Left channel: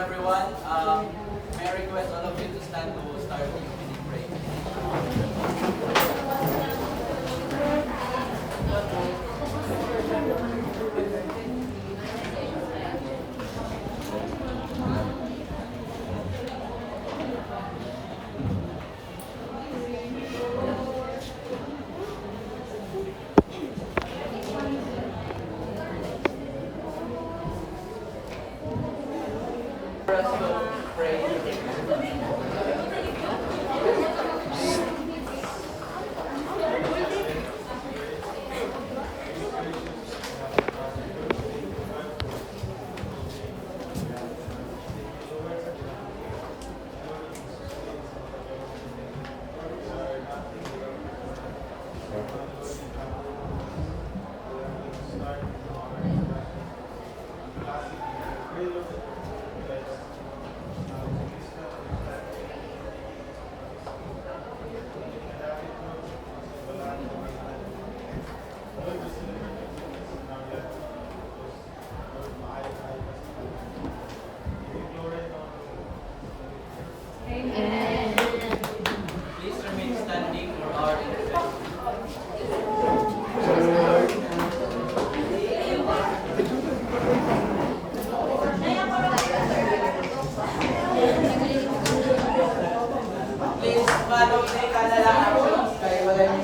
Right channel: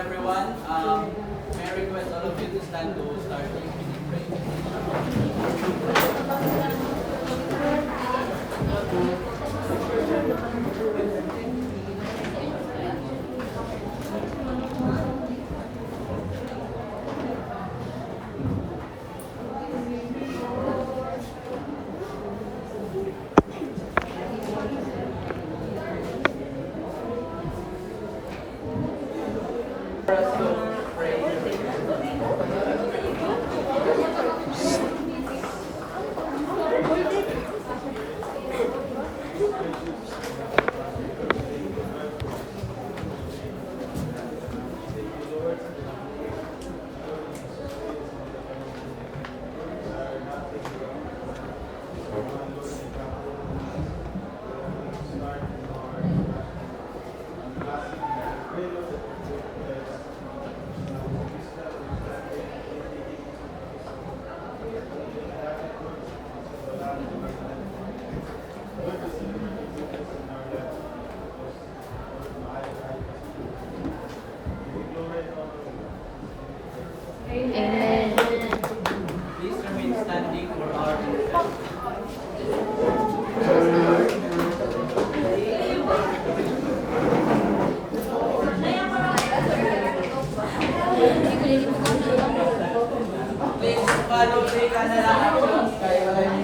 Everyone, may I request all of you to stand to start the opening prayer. For us to pray. Amen. Please remain standing for our invocation. Please follow the kanala actions kaya wala yung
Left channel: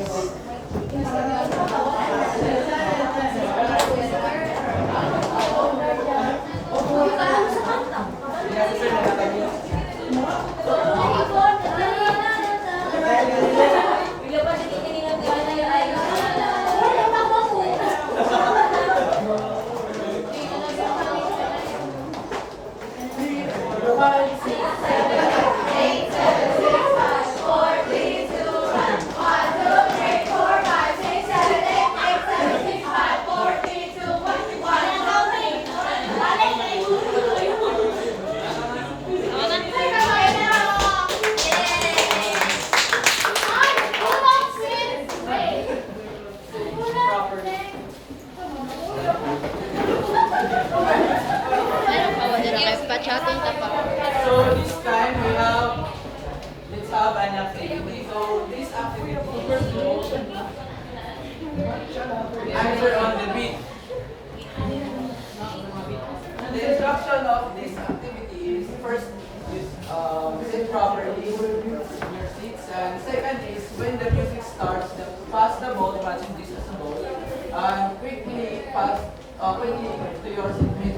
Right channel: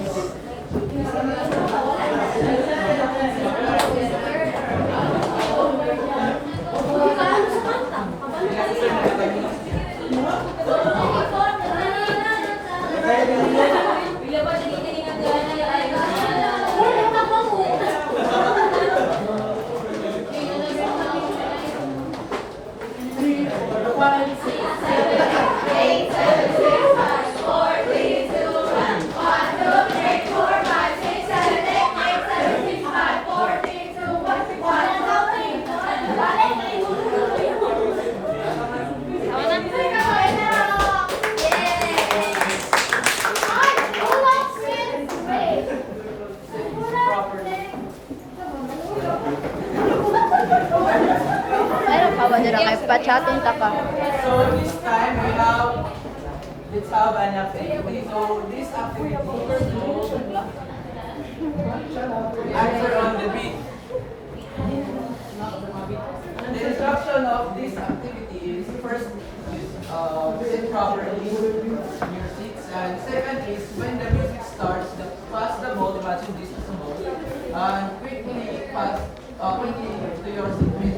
Meron pa ba nila kay Pachatong Tapa? So this time let's have an activity. So this activity is to answer on the beat. The instruction of this activity is first is sit properly your seats, and second is when the music starts, pass the ball, imagine this as a ball, and quickly pass quickly to your seatmate.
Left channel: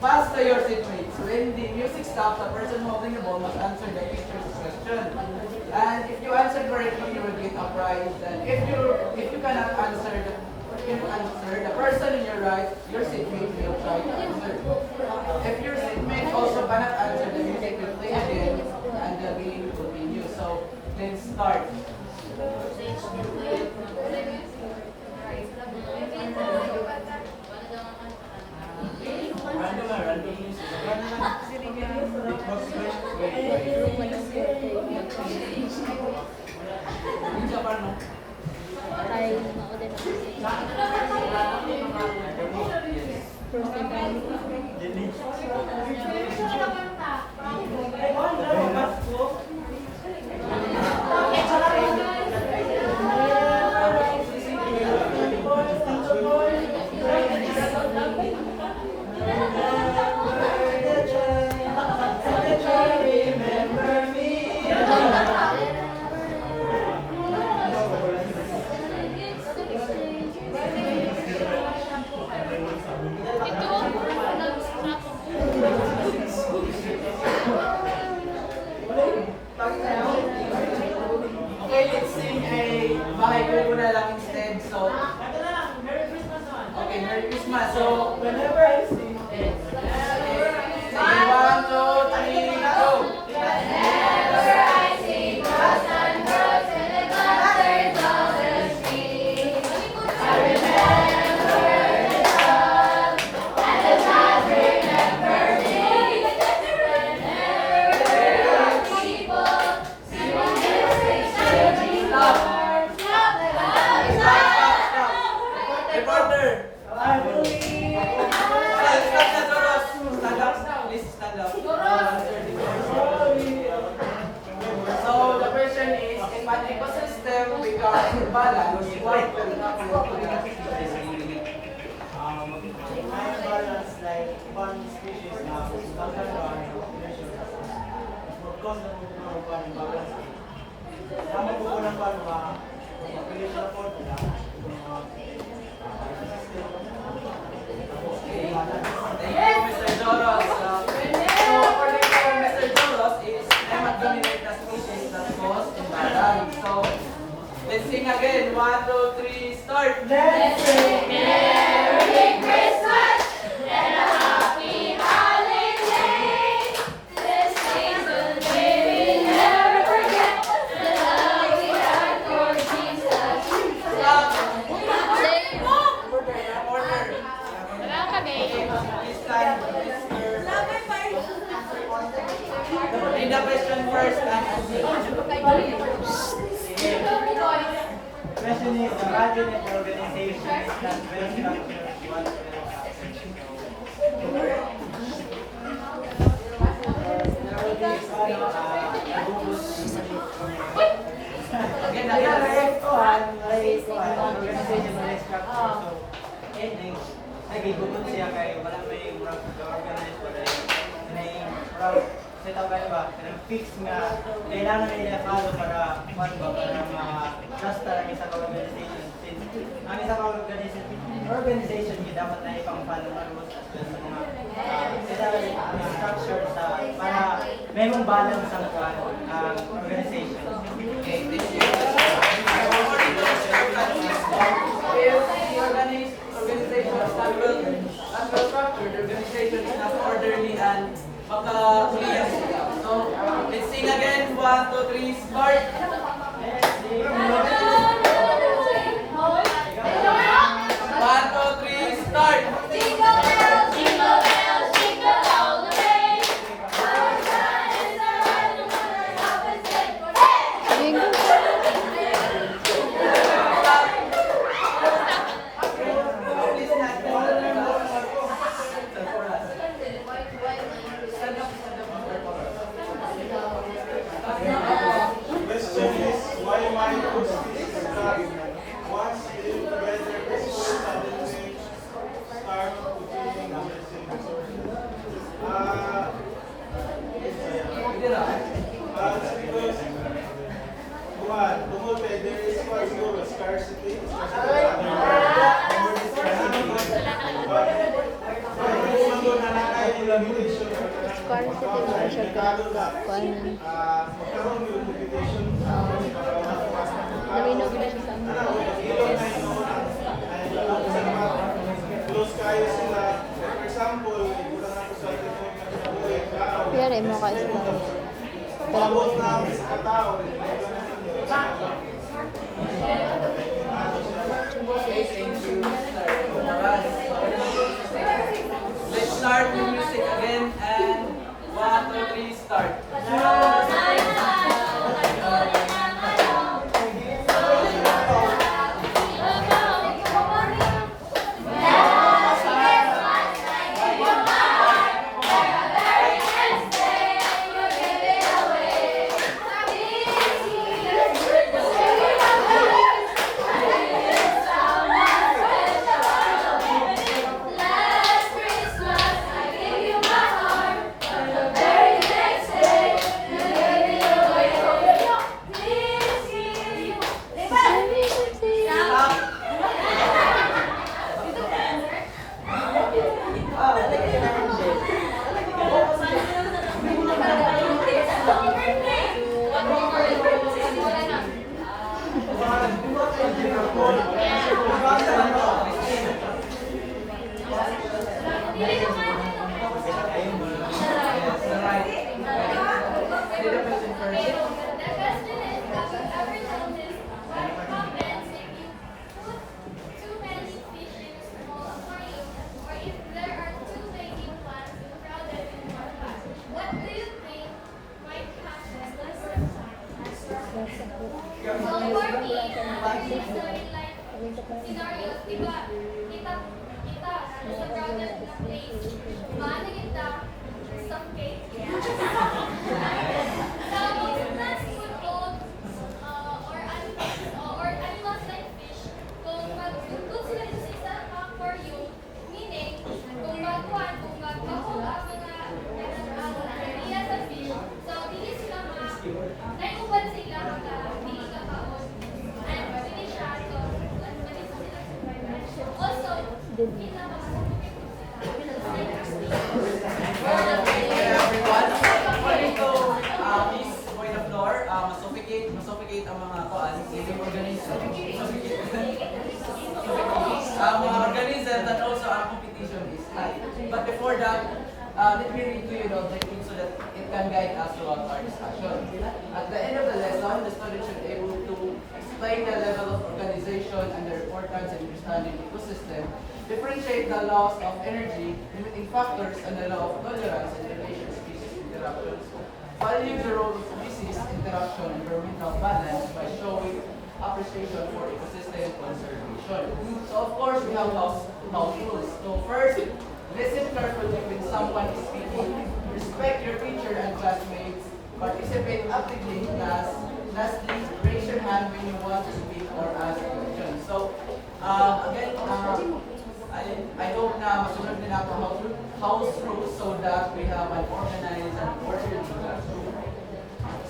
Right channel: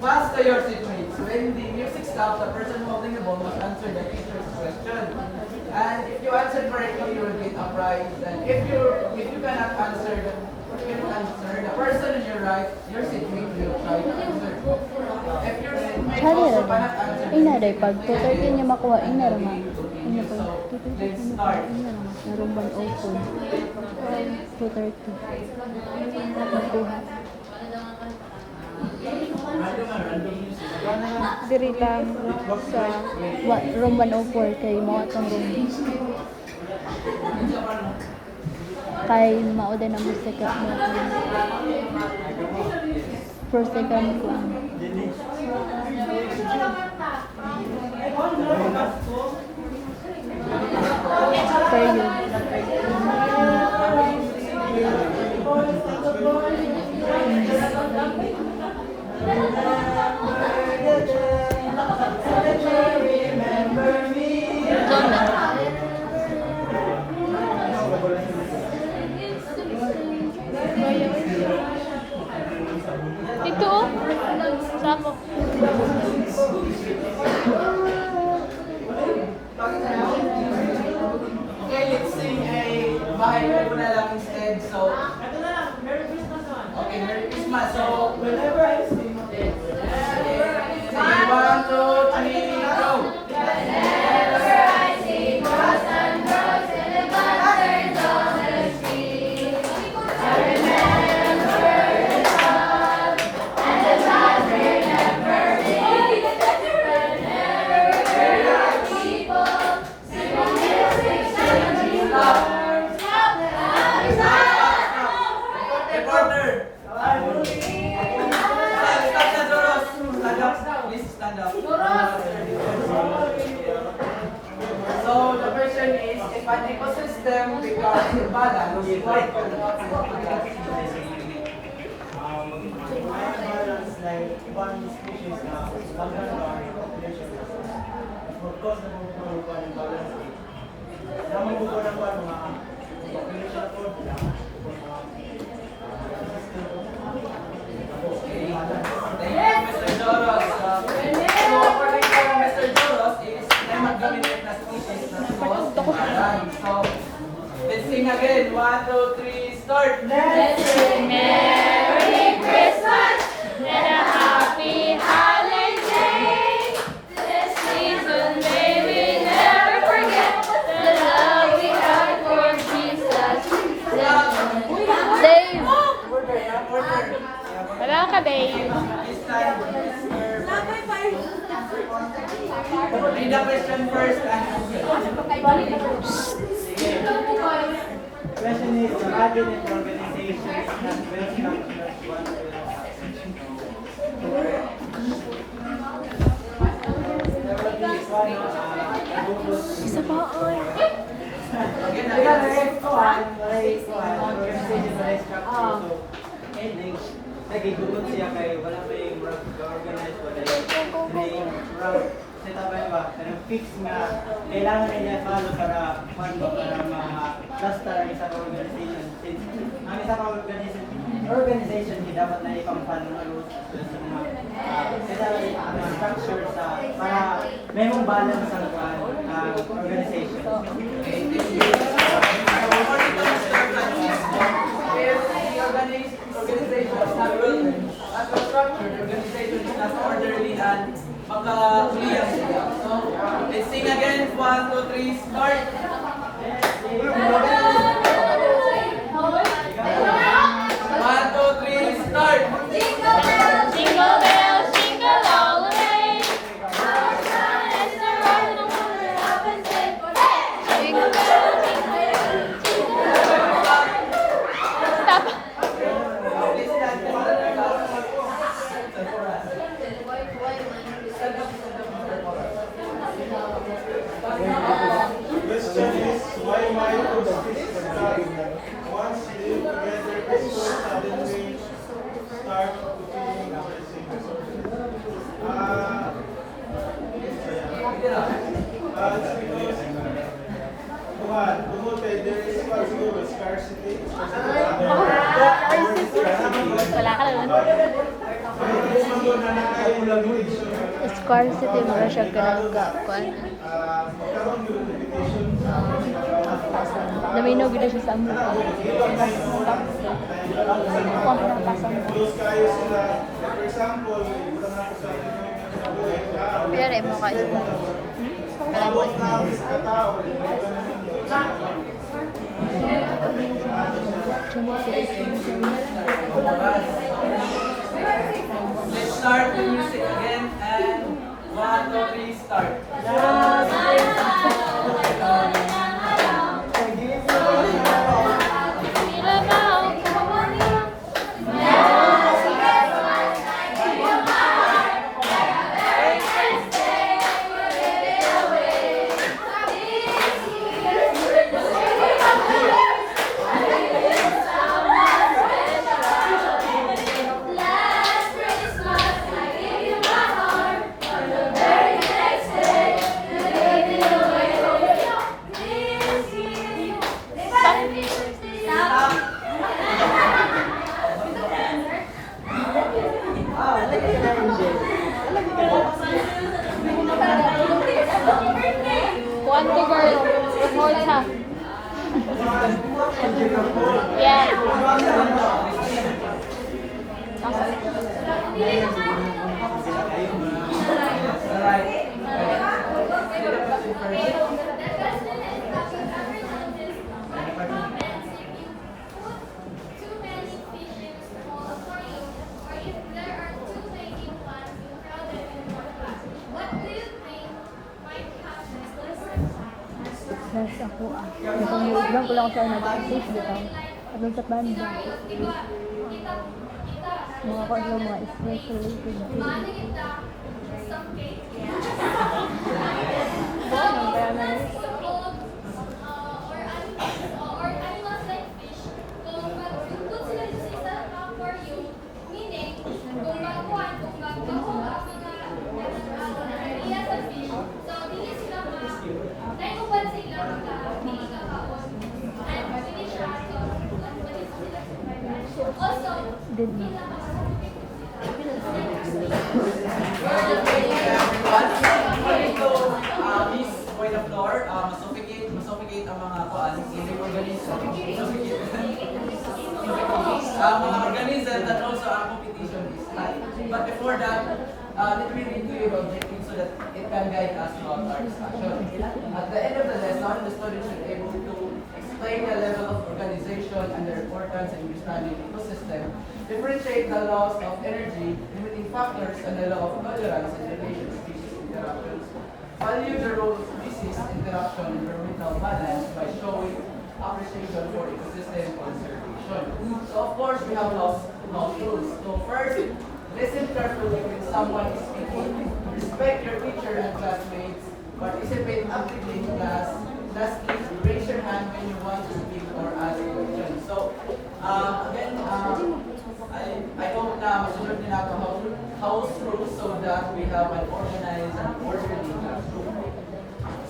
Pass to your seatmates. When the music stops, the person holding the ball must answer the teacher's question. And if you answer correctly, you will get a prize. And if you cannot answer the person on your right, your seatmate will try to answer. If your seatmate also cannot answer, Ina day pag tuloy din niya makuha ina ra. continue. So let's start. Narong man open. Random music. Diri lang sa room 104 kay mo atong kay mao din ang second first second ito oh, stand up. So the question is, if an ecosystem becomes imbalanced, what will happen to that species? Balance like one species na langgan ba ang population of course na kung ano balance na magkukulang ba mga population na po nila Thank you, Mr. Joros. So according to Mr. Joros is nematodominate na species that cause imbalance. So let's sing again. 1, 2, 3, start. Let's sing Merry Christmas and a Happy Holiday. This season may we never forget the love we had for Jesus. Dave! Order. Wala ka, Dave. Read the question first and question is the cabinet organization is not well structured one will happen there will be again, organization na structure so ending nagigugun siya kay wala may organize wala may set up ba pero fix nga kailangan nila follow para para ma-just talaga sa organization since ang isa ka organization dapat na ipang-follow malos sa mga structure sa para may mong balance ang organization. Okay, thank you. According to Mr. Francis, if the organization is not well structured, the organization is not orderly and maka-clear sila. So, let's sing again. 1, 2, 3, start. 1, 2, 3, start. Jingle bells, jingle all the way. Our son is the one who will help us get Please stand for us. Question is, why mitosis start once they live together before suddenly start feeling embarrassing disorders? It's because tungkol kay there is one siguro scarcity, especially Scarcity mo siya pinagkakuan. Naminog gid siya sa amo. close kayo sila. For example, ilang ako sa Piyare mo ka isla. Tawag na ang mga tao. Let's start the music again and 1, 2, 3, start. Yes, ako. Nagmamulog lang ko lang sa nag-assist, di ba? Ano sa banda? Mga kanya mga stress related. some cake. So, plants would hold, or animals like fish, kung mag-put sila sa isang aquarium, meaning, kung magkuhan, kung magbaho ang mga area sa fish, so, dili sila naiuban sila hindi kakaon. And dili siya, so, dili sila survive. Also, hindi na Thank you everyone. According to Miss Boy the Floor, masuffocate ang mga living organisms. Mga organisms and also our competition is high. But before that, let me read to you the objective so that it can guide us throughout our discussion. At the end of the lesson, the student should be able to explain the level of organization and the importance and understanding ecosystem, differentiate the laws of energy, limiting factors, and the law of tolerance in relation to species interactions, value the role of species interaction and environmental balance by showing appreciation for ecosystem conservation. So of course, we have house rules. So first, listen carefully when someone is speaking, respect your teacher and classmates, participate actively in class. Lastly, raise your hand when you want to speak or ask questions. So, again, I hope na masunod din natin house rules so that we have an organized and orderly classroom.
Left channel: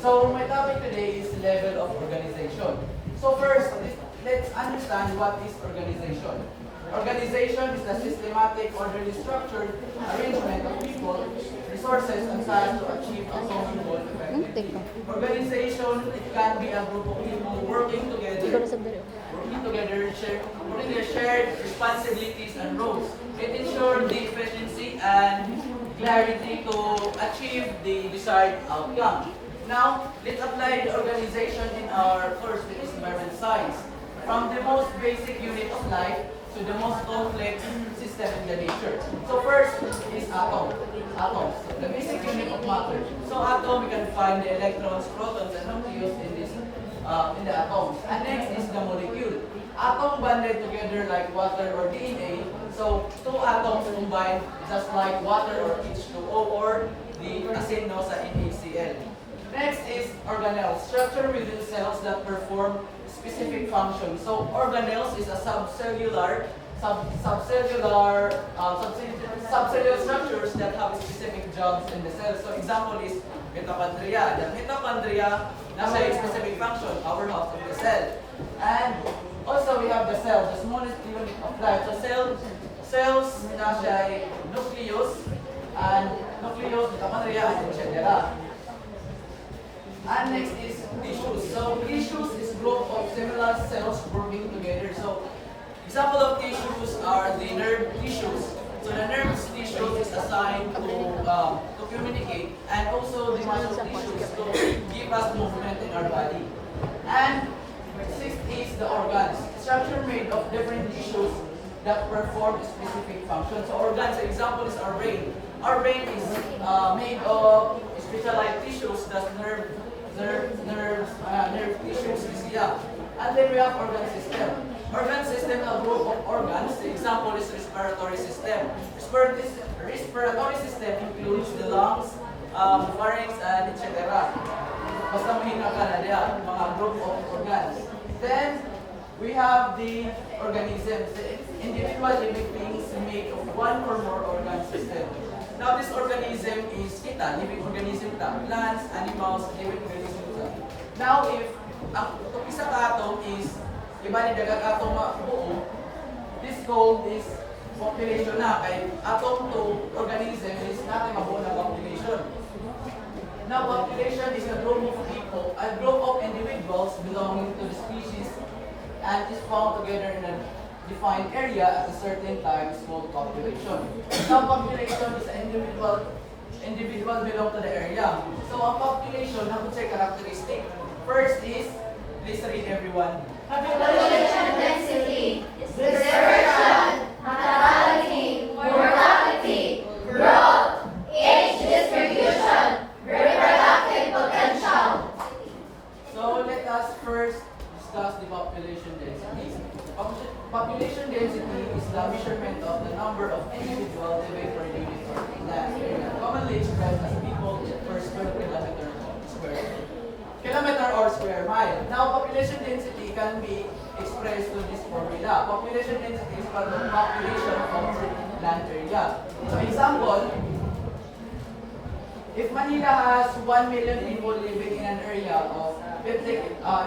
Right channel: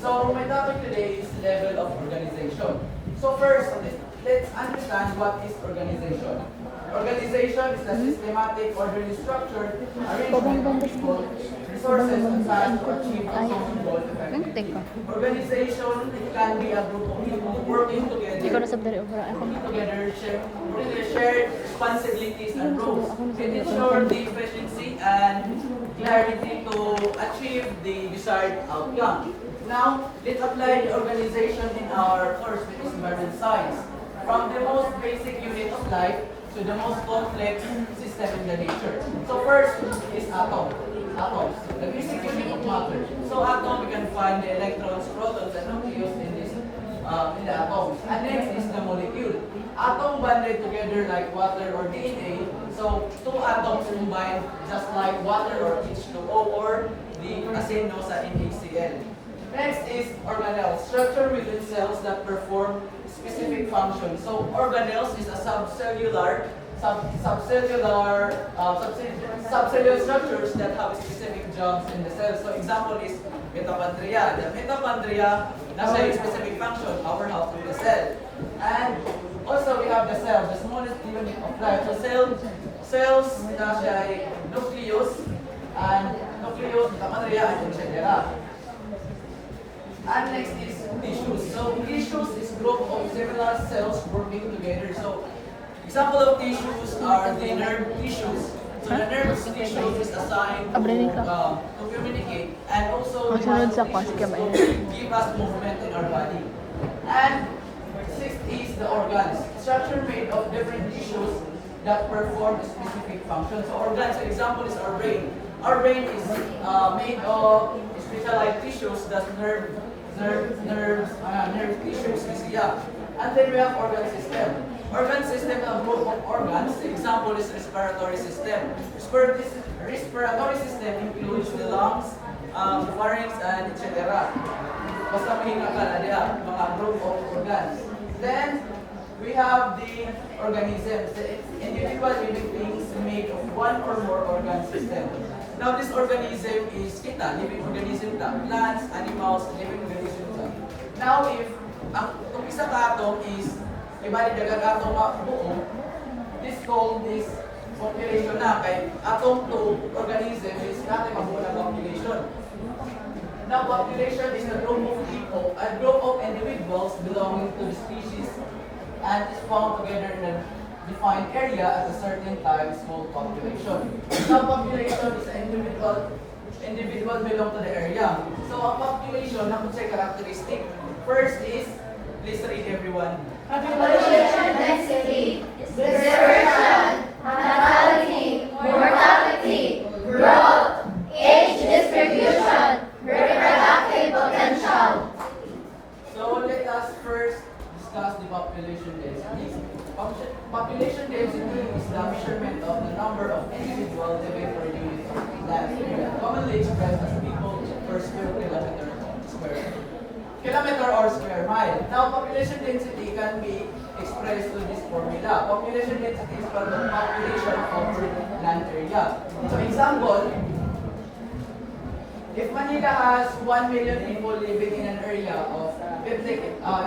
So, my topic today is level of organization. So first, let's understand what is organization. Organization is a systematic, orderly structured arrangement of people, resources, and time to achieve a common goal effectively. Organization, it can be a group of people working together, shared responsibilities and roles. It ensures the efficiency and clarity to achieve the desired outcome. Now, let's apply the organization in our course, which is environmental science. From the most basic unit of life to the most complex system in the nature. So first is atoms, the basic unit of matter. So atom, we can find the electrons, protons, and nucleus in the atoms. And next is the molecule. Atom bonded together like water or DNA. So two atoms combined just like water or H2O or the asino sa NaCl. Next is organelles, structure within cells that perform specific function. So organelles is a subcellular structures that have specific jobs in the cell. So example is mitochondria. The mitochondria nasa a specific function, powerhouse of the cell. And also we have the cell, the smallest unit of life. So cells nasa nucleus, mitochondria, and etc. And next is tissues. So tissues is group of similar cells working together. So example of tissues are the nerve tissues. So the nerve tissues is assigned to communicate, and also the muscle tissues to give us movement in our body. And sixth is the organs, structure made of different tissues that perform a specific function. So organs, example is our brain. Our brain is made of specialized tissues, that's nerve tissues is yeah. And then we have organ system. Organ system is a group of organs. The example is respiratory system. Respiratory system includes the lungs, pharynx, and etc. Basta mahinga ka na diya, mga group of organs. Then we have the organisms, the individual living beings made of one or more organ system. Now this organism is kita, living organism ta, plants, animals, living organism ta. Now if itong isa ka atom is ibalik dagang atom na buo, this called is population na kay atom to organism is natin mabuo na population. Now population is a group of people, a group of individuals belonging to the species and is found together in a defined area at a certain time is called population. Now population is an individual belong to the area. So ang population na kung say characteristic. First is, please read everyone. population density, dispersion, natality, mortality, growth, age distribution, reproductive potential. So let us first discuss the population density. Population density is the measurement of the number of individuals living per unit of land area. Commonly usually expressed as people per square kilometer or square mile. Now, population density can be expressed to this formula. Population density is equal to population over land area. So, example, if Manila has 1 million people living in an area of 50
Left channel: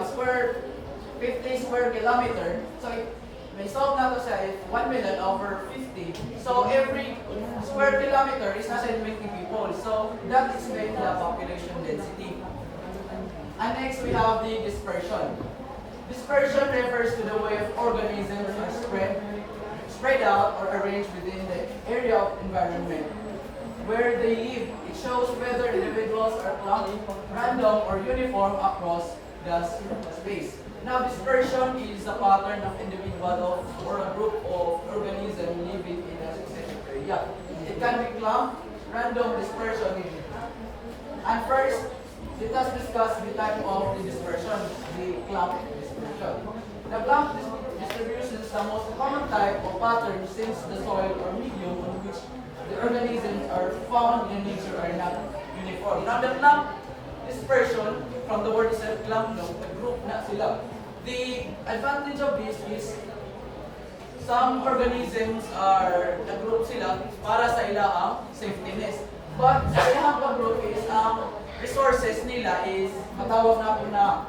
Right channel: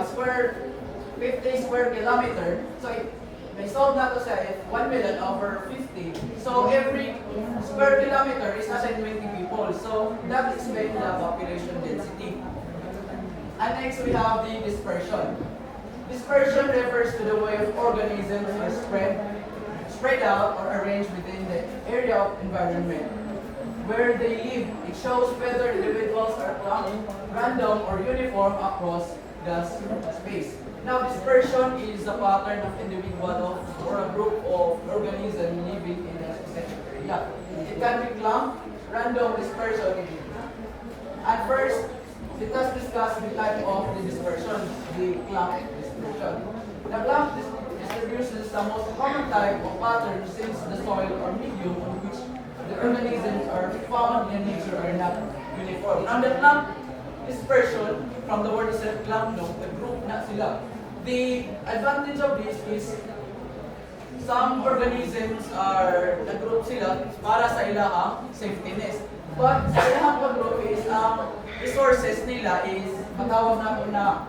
square kilometer, so may solve na to siya if 1 million over 50. So every square kilometer is nasa 20 people. So that explains the population density. And next we have the dispersion. Dispersion refers to the way of organisms are spread out or arranged within the area of environment where they live. It shows whether individuals are clumped, random, or uniform across the space. Now, dispersion is a pattern of individual or a group of organisms living in a specific area. It can be clumped, random dispersion. And first, let us discuss the type of the dispersion, the clump dispersion. The clump distribution is the most common type of pattern since the soil or medium on which the organisms are found in nature are not uniform. Now, the clump dispersion, from the word itself, clump, no, the group na sila. The advantage of this is some organisms are nag-group sila para sa ilahang safetyness. But sa ilahang pag-group is ang resources nila is matawag na po na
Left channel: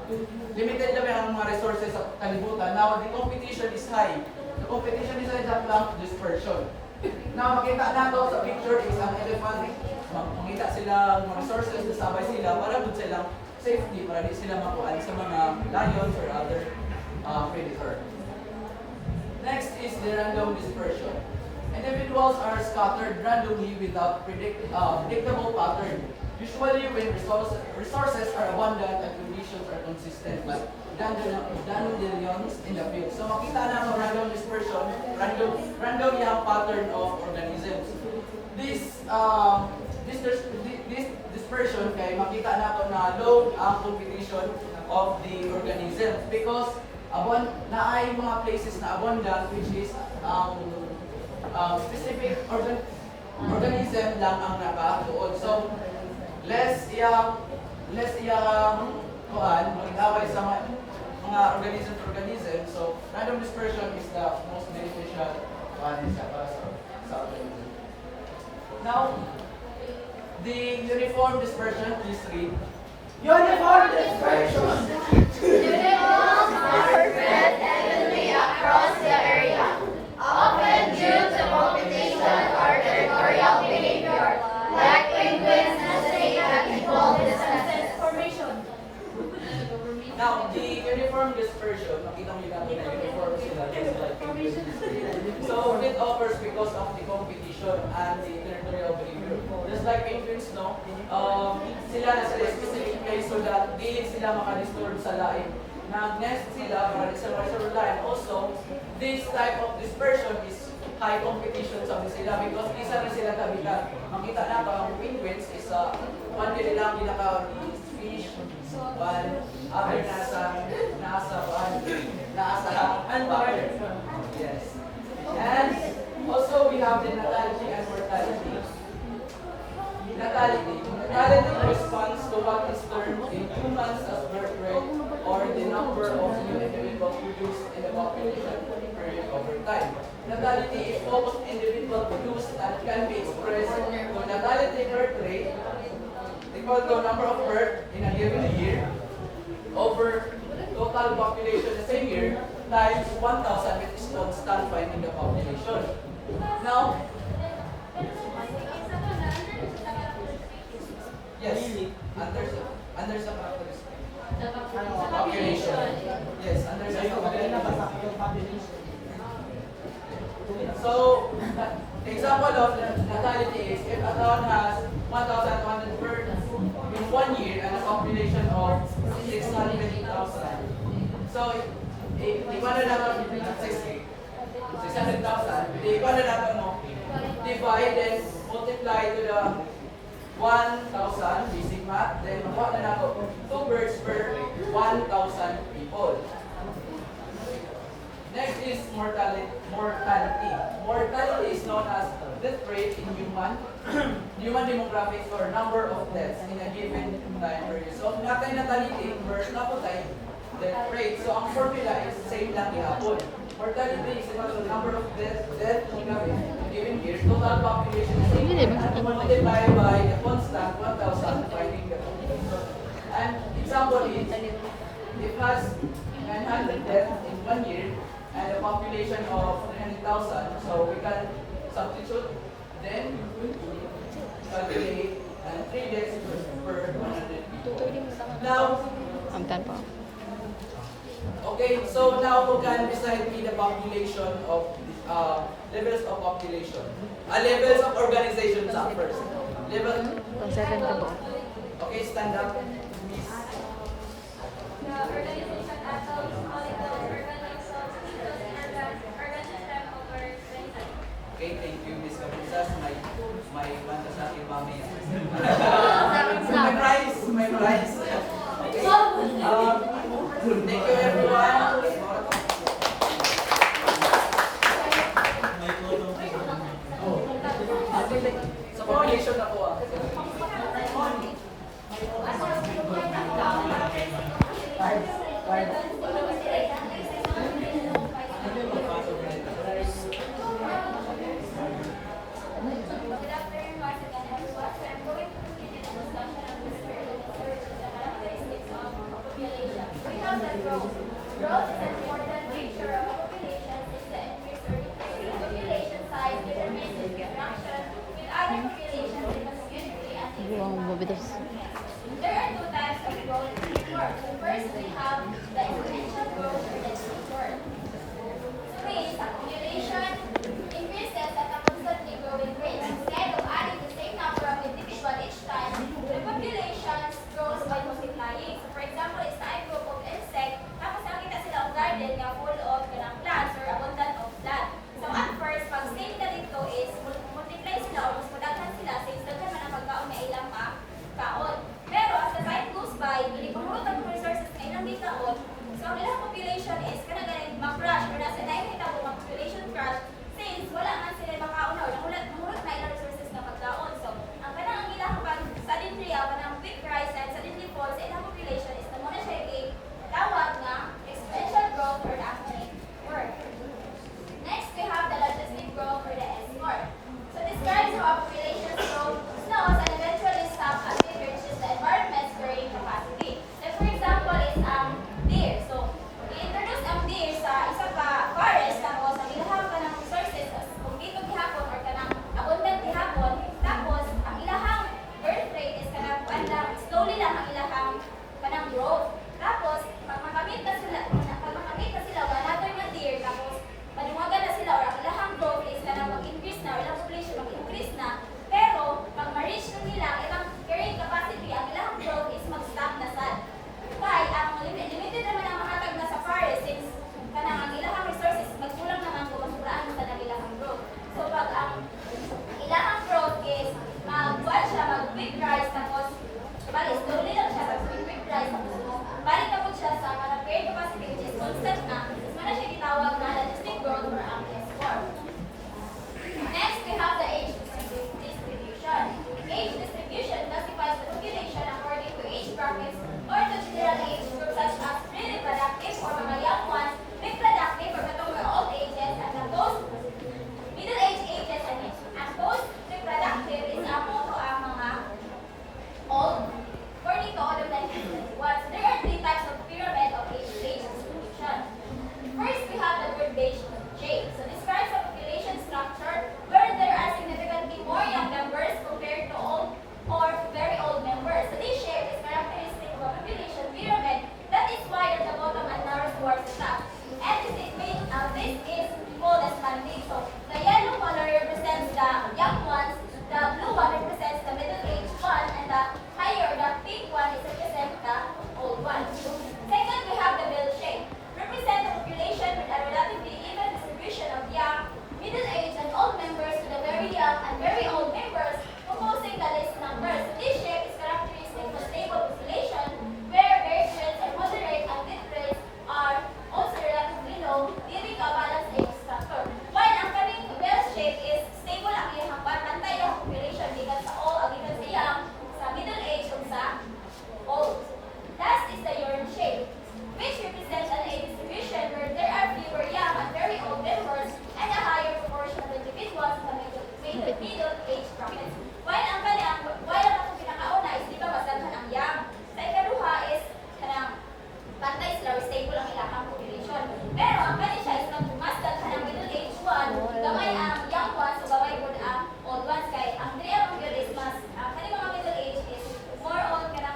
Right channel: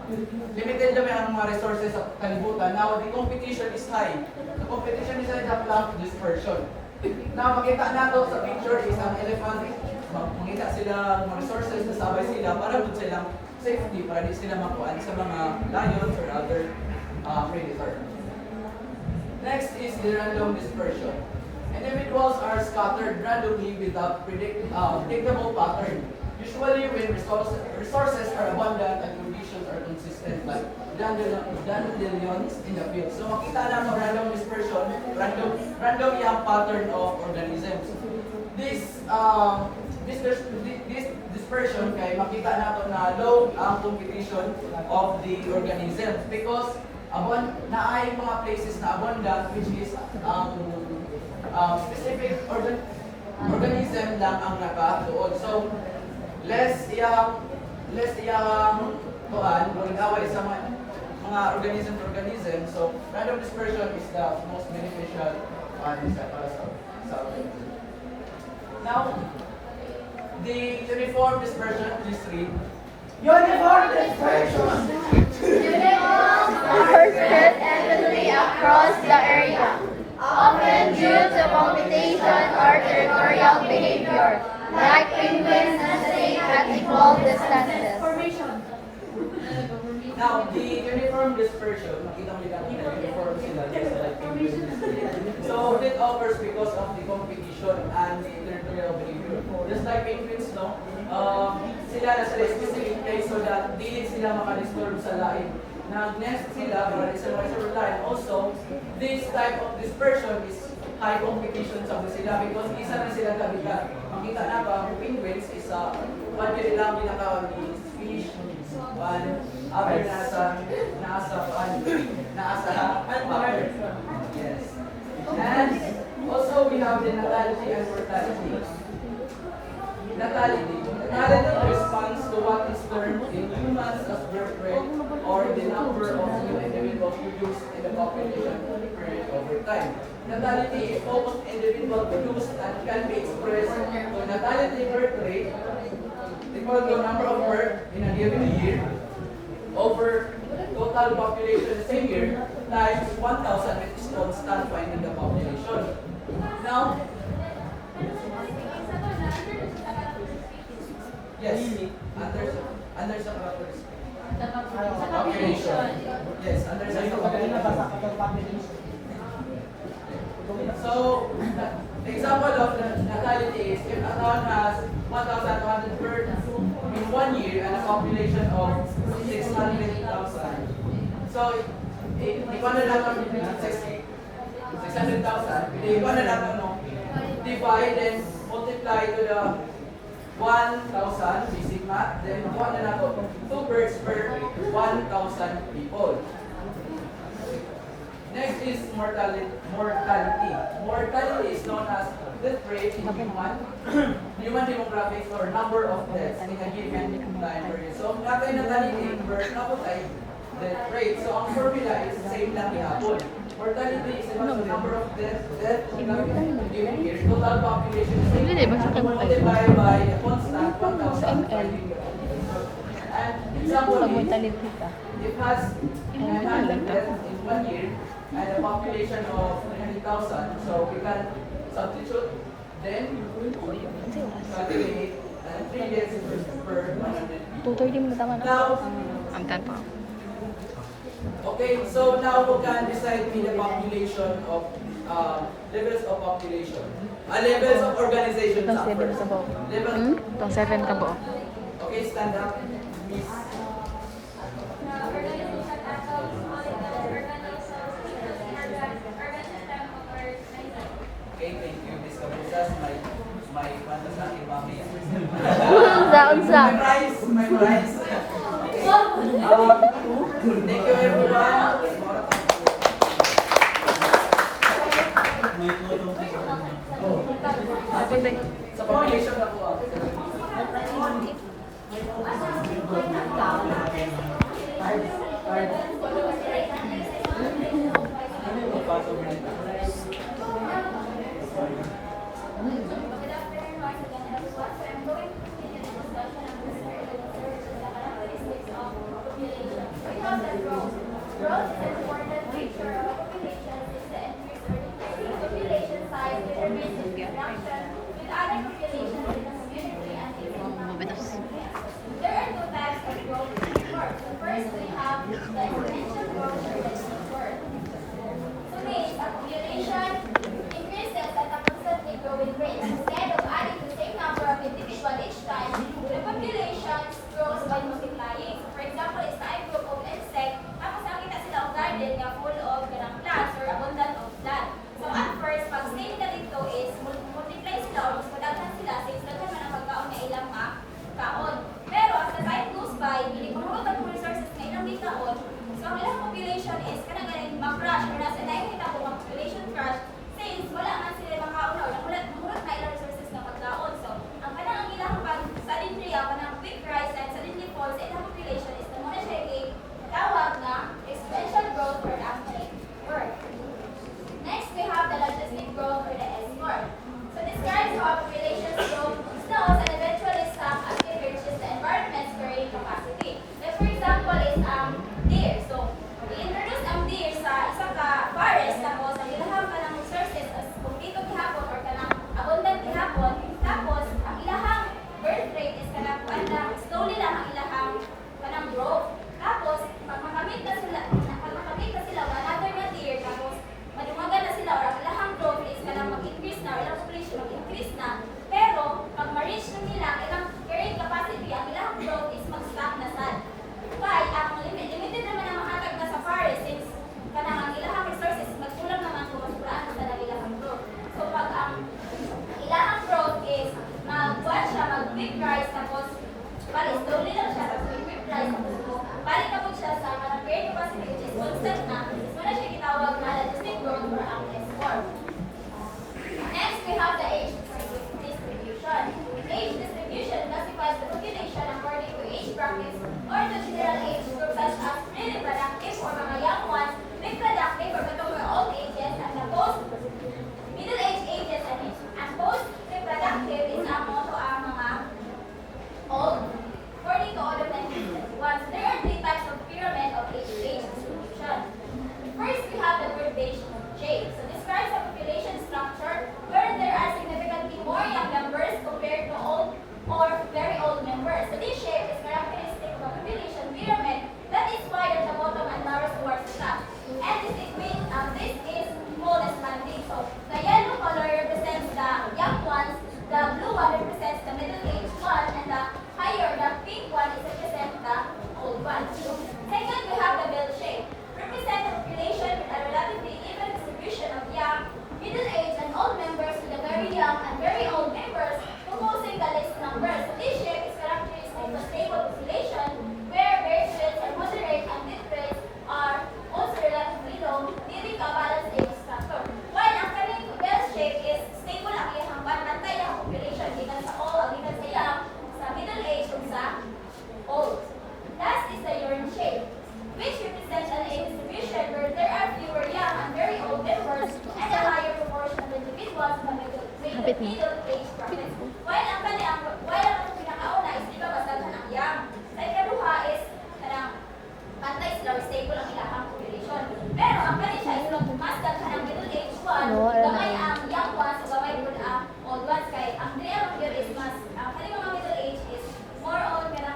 limited lang ang mga resources sa kalibutan. Now, the competition is high. The competition is high sa clump dispersion. Now, makita nato sa picture is ang elephant. Makita sila mga resources, nasabay sila para doon silang safety para di sila makuhaan sa mga lions or other predator. Next is the random dispersion. Individuals are scattered randomly without predictable pattern. Usually when resources are abundant and conditions are consistent, like dandelions in the field. So makita na mo random dispersion, random yung pattern of organisms. This dispersion kay makita nato na low ang competition of the organisms because naay mga places na abundant which is specific organism lang ang nakatuod. So less iyang kuan away sa mga organism to organism. So random dispersion is the most beneficial para sa organism. Now, the uniform dispersion, please read. Uniform dispersion. Individuals are spread evenly across the area, often due to competition or territorial behavior, like penguins nesting at equal distances. Now, the uniform dispersion, makita mo yung na uniform sila, just like penguins. So, it occurs because of the competition and the territorial behavior. Just like penguins, no? Sila na sa specific place so that di sila makadisturb sa lain. Nag-nest sila para di sila makadisturb sa lain. Also, this type of dispersion is high competition sa sila because isa na sila kabilang. Makita na ba, ang penguins is one kanilang ginakawag is fish, one, average unpowered. Yes. And also we have the natality and mortality. Natality responds to what is termed in humans as birth rate or the number of new individuals produced in the population period over time. Natality is almost individual produced and can be expressed to natality birth rate equal to number of birth in a given year over total population the same year times 1,000 which is constant find in the population. Now, yes, under sa characteristic. Population. Yes, under sa population. So, example of natality is if a town has 1,200 birds in 1 year and a population of 600,000. So, ikuan na natin 600,000. Ikuan na natin mo. Divide and multiply to the 1,000 basic math. Then, kuha na natin 2 birds per 1,000 people. Next is mortality. Mortality is known as death rate in human demographics or number of deaths in a given time period. So, ang natay natality per naputay death rate. So, ang formula is same lang ihapon. Mortality is equal to number of deaths in a given year. Total population is multiplied by a constant 1,000 dividing the population. And example is, it has 900 deaths in 1 year and a population of 300,000. So we can substitute, then calculate 3 deaths per 100 people. Now, okay, so now we can decide the population of levels of population. Levels of organization first. Level. Tong 7 ka po. Okay, stand up. Miss. Okay, thank you, Miss Abusas. My kwanta sa aking mamaya. My prize. Okay. Thank you, everyone. May photo. Sa population na po ang Growth is an important feature of population is the increase or decrease in population size determines its interaction with other populations in the community and there are two types of growth in the world. So first we have the exponential growth or the growth. So means a population increases at a constantly growing rate. Instead of adding the same number of individuals each time, the population grows by multiplying. So for example, is a group of insects, tapos nakita sila ang garden nga full of ganang plants or abundant of plants. So at first, pag same na dito is multiply sila or mas madaghan sila since daghan man ang pagkaon na ilang kaon. Pero as the time goes by, ipahurot ang resources na ilang gitaon. So ang ilang population is kanang mag-crash or nasa time kita po mag-population crash since wala man sila makaon or mahurot na ilang resources na pagkaon. So ang kanang ang ilang pag suddenly kanang quick rise and suddenly fall sa ilang population is na muna siya tawag na exponential growth or active word. Next, we have the logistic growth or the S-curve. So describes how populations grow slows and eventually stop as they reach the environment's carrying capacity. Like for example is deer. So i-introduce ang deer sa isa ka forest tapos ang ilahang kanang resources as kumplito gihapon or kanang abundant gihapon tapos ang ilahang birth rate is kanang slowly lang ang ilahang kanang growth. Tapos, pag makamit na sila another na deer, tapos maniwagan na sila or ang ilahang growth is ka na mag-increase na or ilang population mag-increase na. Pero, pag ma-reach na nila, ilang carrying capacity, ang ilahang growth is mag-stop na sad. Kaya, ang limited naman ang mahatag na sa forest since kanang ang ilahang resources, magkulang naman kung masulaan na sa ilahang growth. So, pag ang ilahang growth is mag-quick rise, tapos bali, slowly lang siya, tapos quick rise, tapos balik na po siya sa mga carrying capacity which is constant na, is wala siya gitawag na logistic growth or ang S-curve. Next, we have the age distribution. Age distribution classifies the population according to age brackets or to general age groups such as pre-reproductive or mga young ones, reproductive or katong old ages, and the post-middle-age ages and post-reproductive is ang mga old. According to other 1971, there are three types of pyramid of age distribution. First, we have the word J. So describes a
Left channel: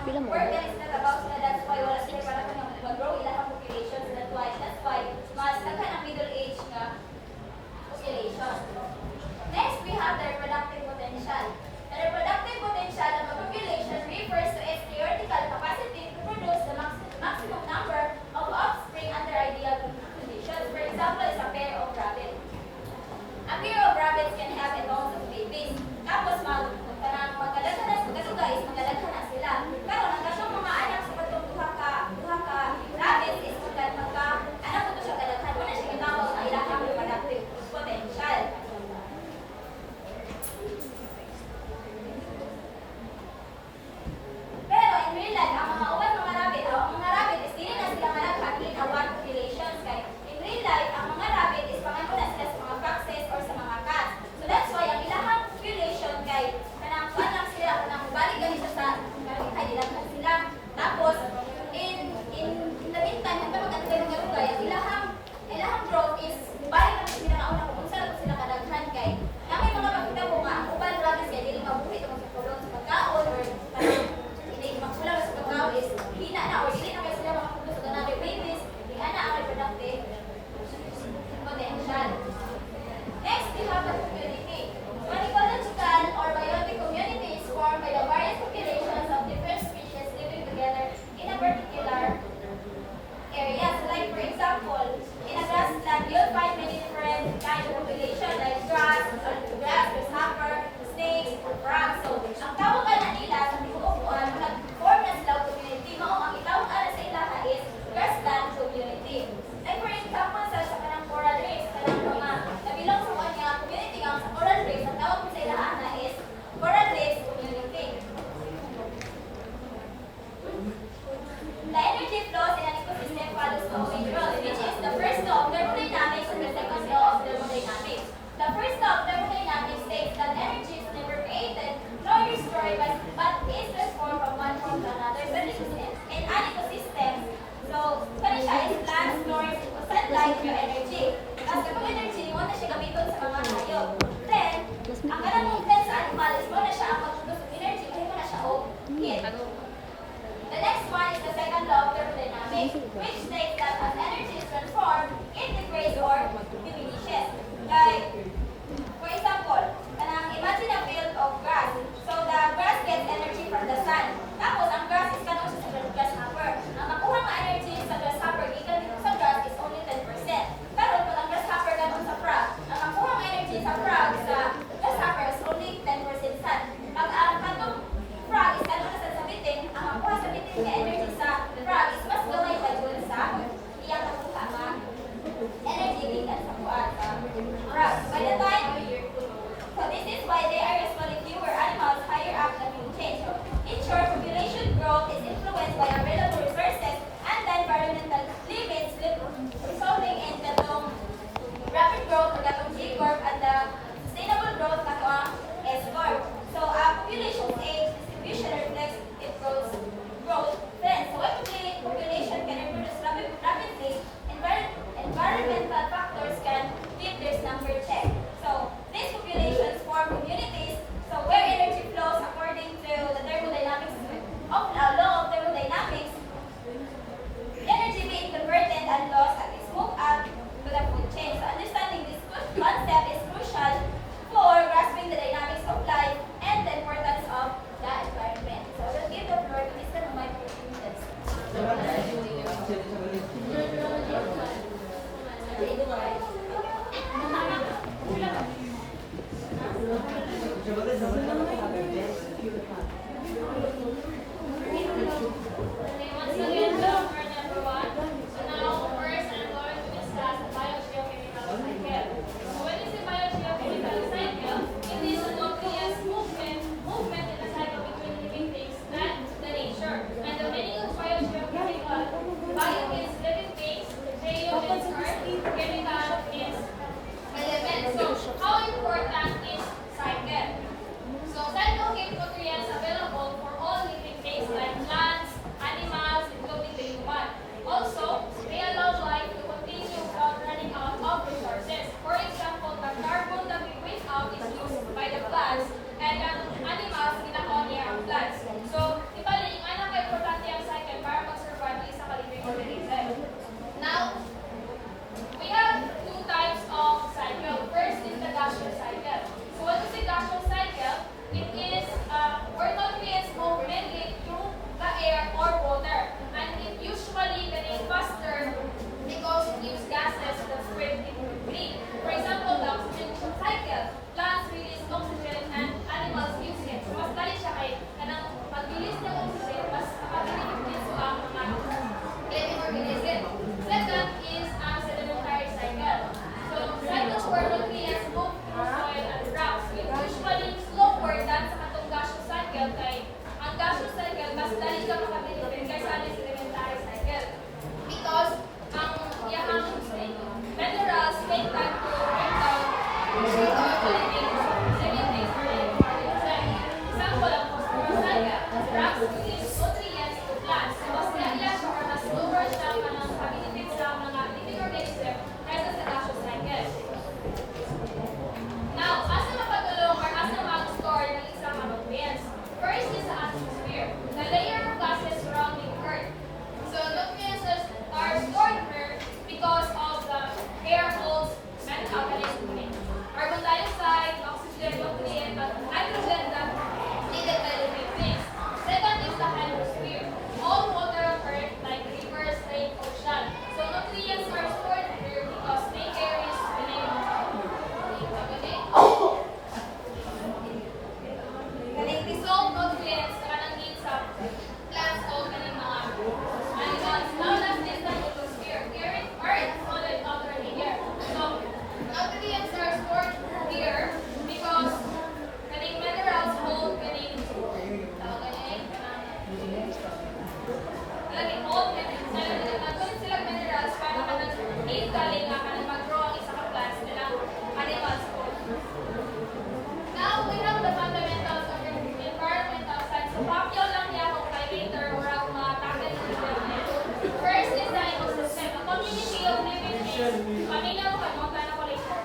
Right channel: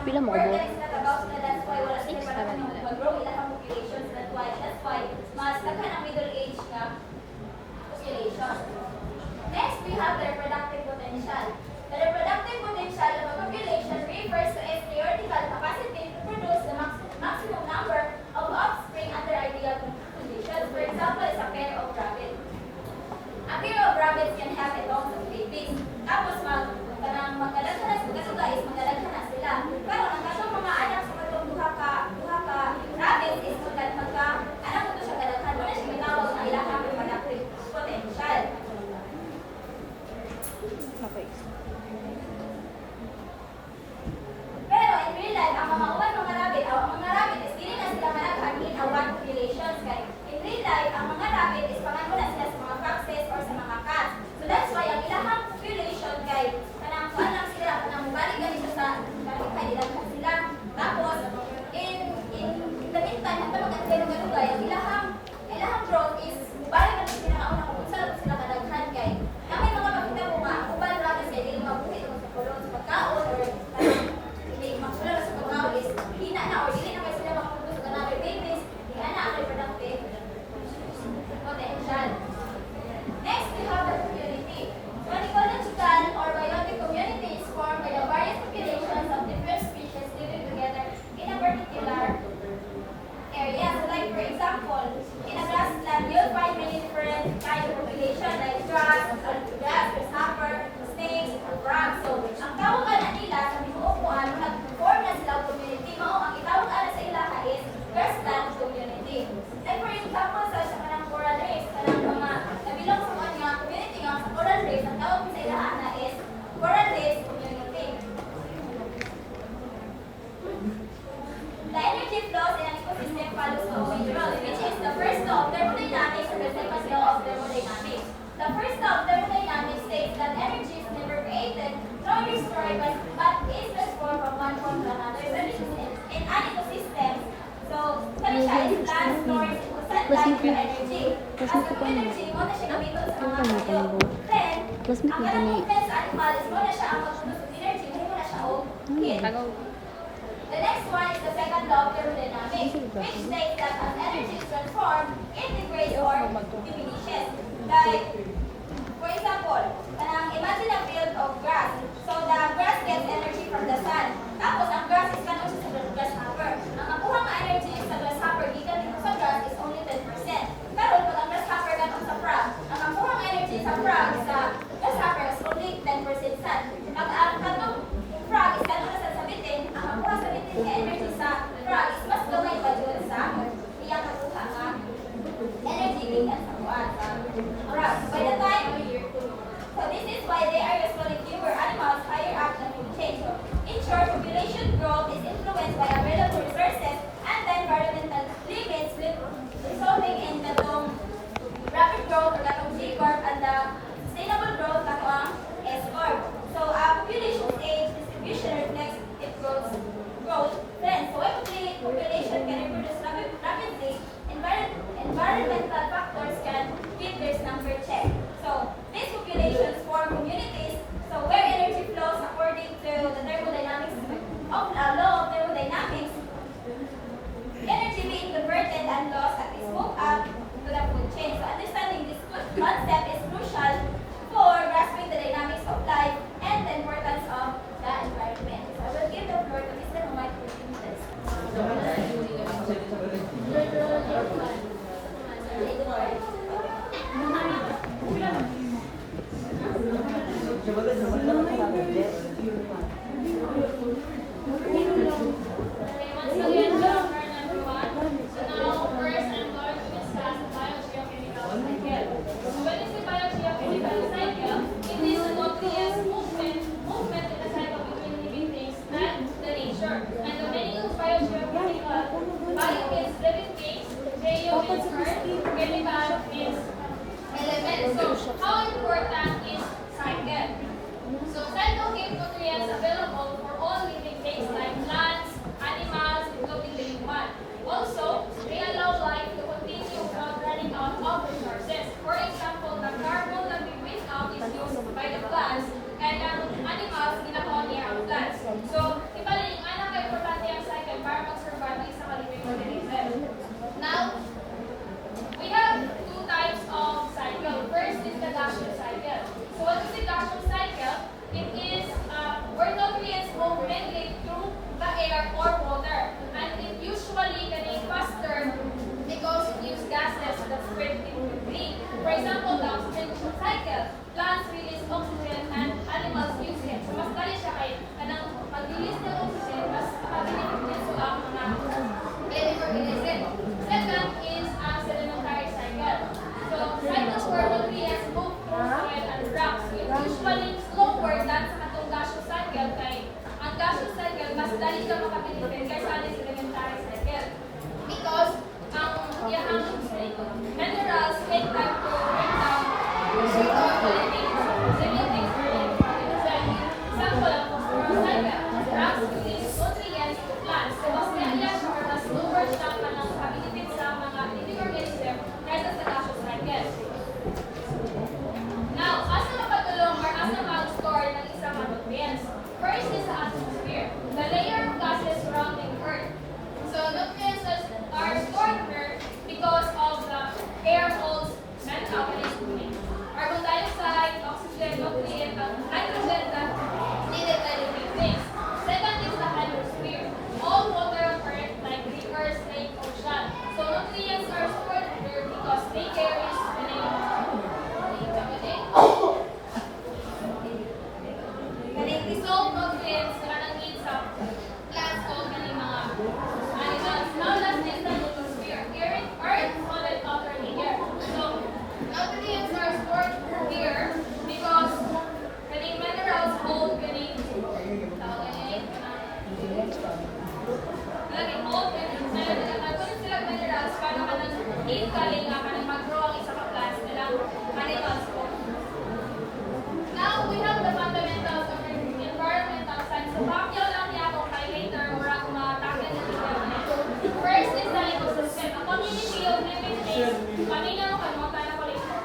Pila mo work ba? na sila trabaho sila, that's why wala sila panahon ng mag-grow ilang populations, that's why mas daghan ang middle age nga population. Next, we have the reproductive potential. The reproductive potential of a population refers to its theoretical capacity to produce the maximum number of offspring under ideal conditions. For example, is a pair of rabbits. A pair of rabbits can have a lot of babies. Tapos magdalaghan na sila, is magdalaghan na sila. Pero ang kasyong mga anak sa katong duha ka rabbits is anak mo to siya kadaghan. Wala siya ginawag na ilahang reproductive potential. Pero in real life, ang mga rabbit is dili na sila managhan in a one populations. Kaya in real life, ang mga rabbit is pangalan na sila sa mga foxes or sa mga cats. So that's why ang ilahang population kay kanang kuan lang sila, kanang balik gali siya sa kay ilahang sila. Tapos in the meantime, hanggang mag-antay ng galugay, ang ilahang growth is balik na sila na una kung saan sila kadaghan kay na may mga makita ko nga, uban rabbits kay dili mabuhi ito magkakulong sa pagkaon or hindi magsulang sa pagkaon is hina na or dili na may sila makapulos sa ganang babies, di na ang reproductive potential. Next, we have the community. An ecological or biotic community is formed by the various populations of different species living together in a particular area. So like for example, in a grassland, you'll find many different kinds of population like grass, grasshopper, snakes, and frogs. So, ang tawagan na nila sa binuupuan, nag-form na sila ng community. Mao ang itawagan sa ilaha is grassland community. Like for example, sa kanang coral reefs, kanang mga nabilong sa kanya community nga sa coral reefs, ang tawag sa ilaha na is coral reefs community. The energy flows in an ecosystem follows a major role, which is the first law of thermodynamics and the second law of thermodynamics. The first law of thermodynamics states that energy is never created nor destroyed, but is transformed from one form to another. So this is in an ecosystem. So, siya is plants, storage, sunlight, and energy. As the energy, mo na siya gamiton sa mga hayop. Then, ang kanang movement sa animal is mo na siya ang magpudus ng energy, mahimo na siya o heat. The next one is the second law of thermodynamics, which states that as energy is transformed, it degrades or diminishes. Like, for example, imagine a field of grass. So the grass gets energy from the sun. Tapos ang grass is kanong sa grasshopper. Ang makuha nga energy sa grasshopper gikan dito sa grass is only 10%. Pero pag ang grasshopper kanong sa frog, ang makuha nga energy sa frog sa grasshopper is only 10% sun. Pag ang kanong frog is kanong sa sabitin, ang makuha sa bitin nga energy sa frog is mas gamay pa dun sa iyang makuha nga energy gikan sa buwan sa frog. By the time so this is why they are responding fewer animals, higher up the food chain. So in short, population growth is influenced by available resources and the environmental limits, resulting in the rapid growth of the G-curve and the sustainable growth of the S-curve. So population age distribution reflects its growth trend. So when population can reproduce rapidly, environmental factors can keep this number check. So these populations form communities dali ka makabilibin kaysa anis elementary cycle. Because ang iyang minerals take time to break down living things for living organism. Example, ang phosphorus cycle, drugs release nutrients to plants. So, mas naiyak siya or mas slower siya ka ng kabilibin sa mga living organism kaysa sa gaseous cycle. Now, as na mapagulong or as na mag-store ng isang nutrients, first is the atmosphere, the layer of gases surrounding Earth. So, nutrients are stored here because of the air holes meant organisms. Carbon dioxide, oxygen, nutrient, and hydrogen that needed by living things. Second is the hydrosphere, all water on Earth like rivers, lake, ocean. So, nutrients are stored here because they carry the name Galing dissolved nutrients na nanggit sa plants o kaning mga animals. Now, last is the lithosphere. Here, Earth on the outer layer. So, nutrients are stored here because kaning minerals hold kaning nagtulit sila minerals para manang-eat kaling mag-grow ang isa ka plants nilang animals po. Now, we have the fundamentals of environmental science. So, papyo lang niya kung kay later mura kung makakakil na development. First is the ecosystem. A community of living things. Paminaw ka mo, kaya ko later.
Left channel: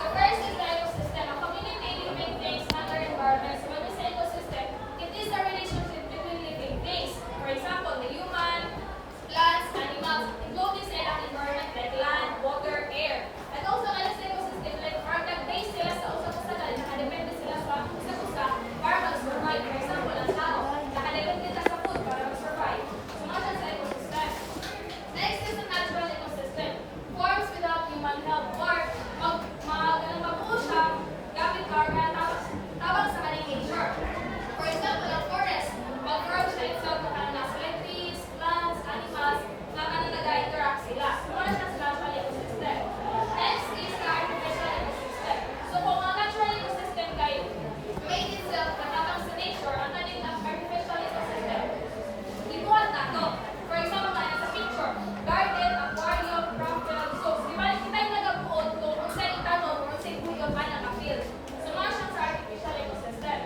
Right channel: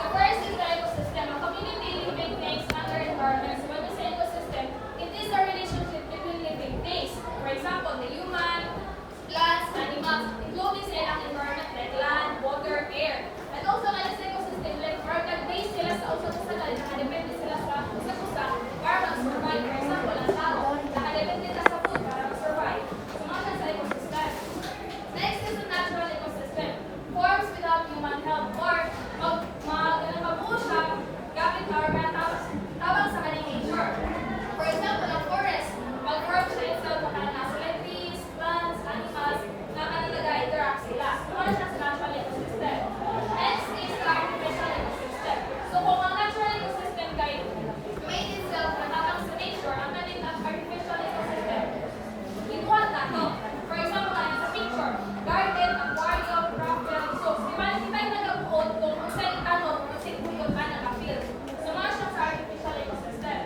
So, first is the ecosystem. A community living things under environment. So, when we say ecosystem, it is the relationship between living things. For example, the human, plants, animals, including sila ang environment like land, water, air. And also, alas sa ecosystem, like organ-based sila sa usa-usa na nakadepende sila sa usa-usa para mag-survive. For example, ang tao, nakadepende na sa food para mag-survive. So, mga siya sa ecosystem. Next is the natural ecosystem. Forms without human help or magbuo siya gamit ang organ tawag sa kaning nature. For example, ang forest, pag-form siya itself sa trees, plants, animals, na nag-interact sila. So, mga siya sa natural ecosystem. Next is the artificial ecosystem. So, kung ang natural ecosystem kay made itself katapang sa nature, ang kaning artificial ecosystem, ibuhat na to. For example, tayo sa picture, garden, aquarium, crop well, so, di ba, hindi tayo nagabuot kung sa itanong or sa ibuyon pa naka-field. So, mga siya sa artificial ecosystem.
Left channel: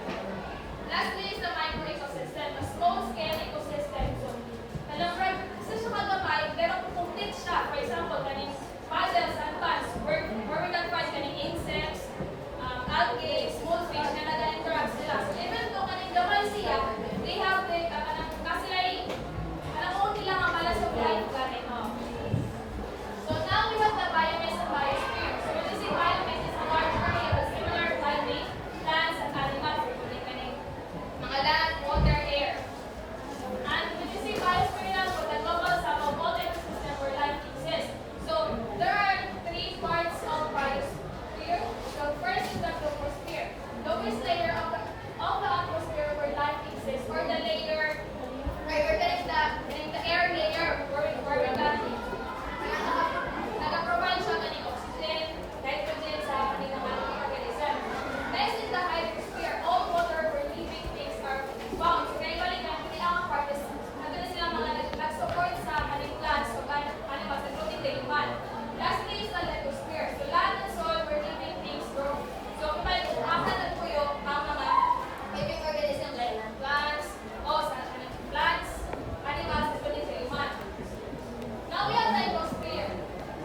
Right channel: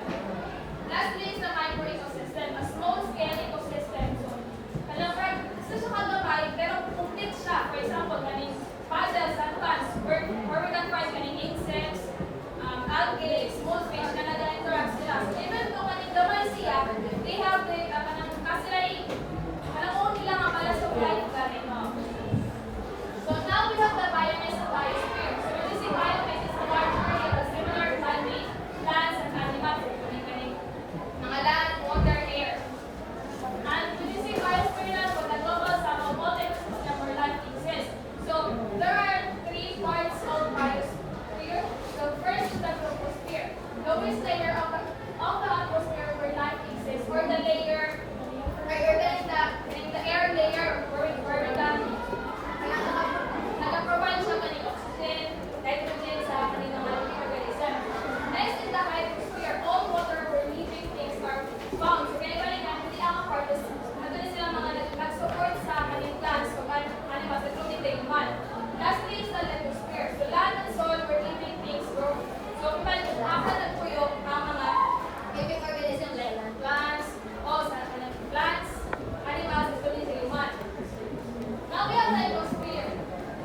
Lastly is the micro-ecosystem, a small-scale ecosystem. So, alam mo, isa siya kagamay, pero complete siya. For example, kaning puzzles, advanced, where we can find kaning insects, algae, small fish na nag-interact sila. So, even though kaning gamay siya, they have the, kanang nila nga malas of life kanin, no? So, now we have the biomass and biosphere. So, when we say biomass, it's a large area of similar plant-based plants and animals, including kaning mga land, water, air. And when you say biosphere na, so the global sum of all ecosystem where life exists. So, there are three parts of biosphere. The first is the troposphere, lowest layer of the atmosphere where life exists, or the layer, or the air layer where we can nag-provide siya kaning oxygen, nitrogen sa kaning mga living organism. Next is the hydrosphere, all water where living things are found. So, kaya balik na, hindi lang ang part is, madalas silang mga nag-support sa kaning plants, so kaning mas including the human. Lastly is the lithosphere, so land and soil where living things grow. So, after nagpuyo ang mga living organism like plants, plants, animals, including the human. Now we have the ecosphere.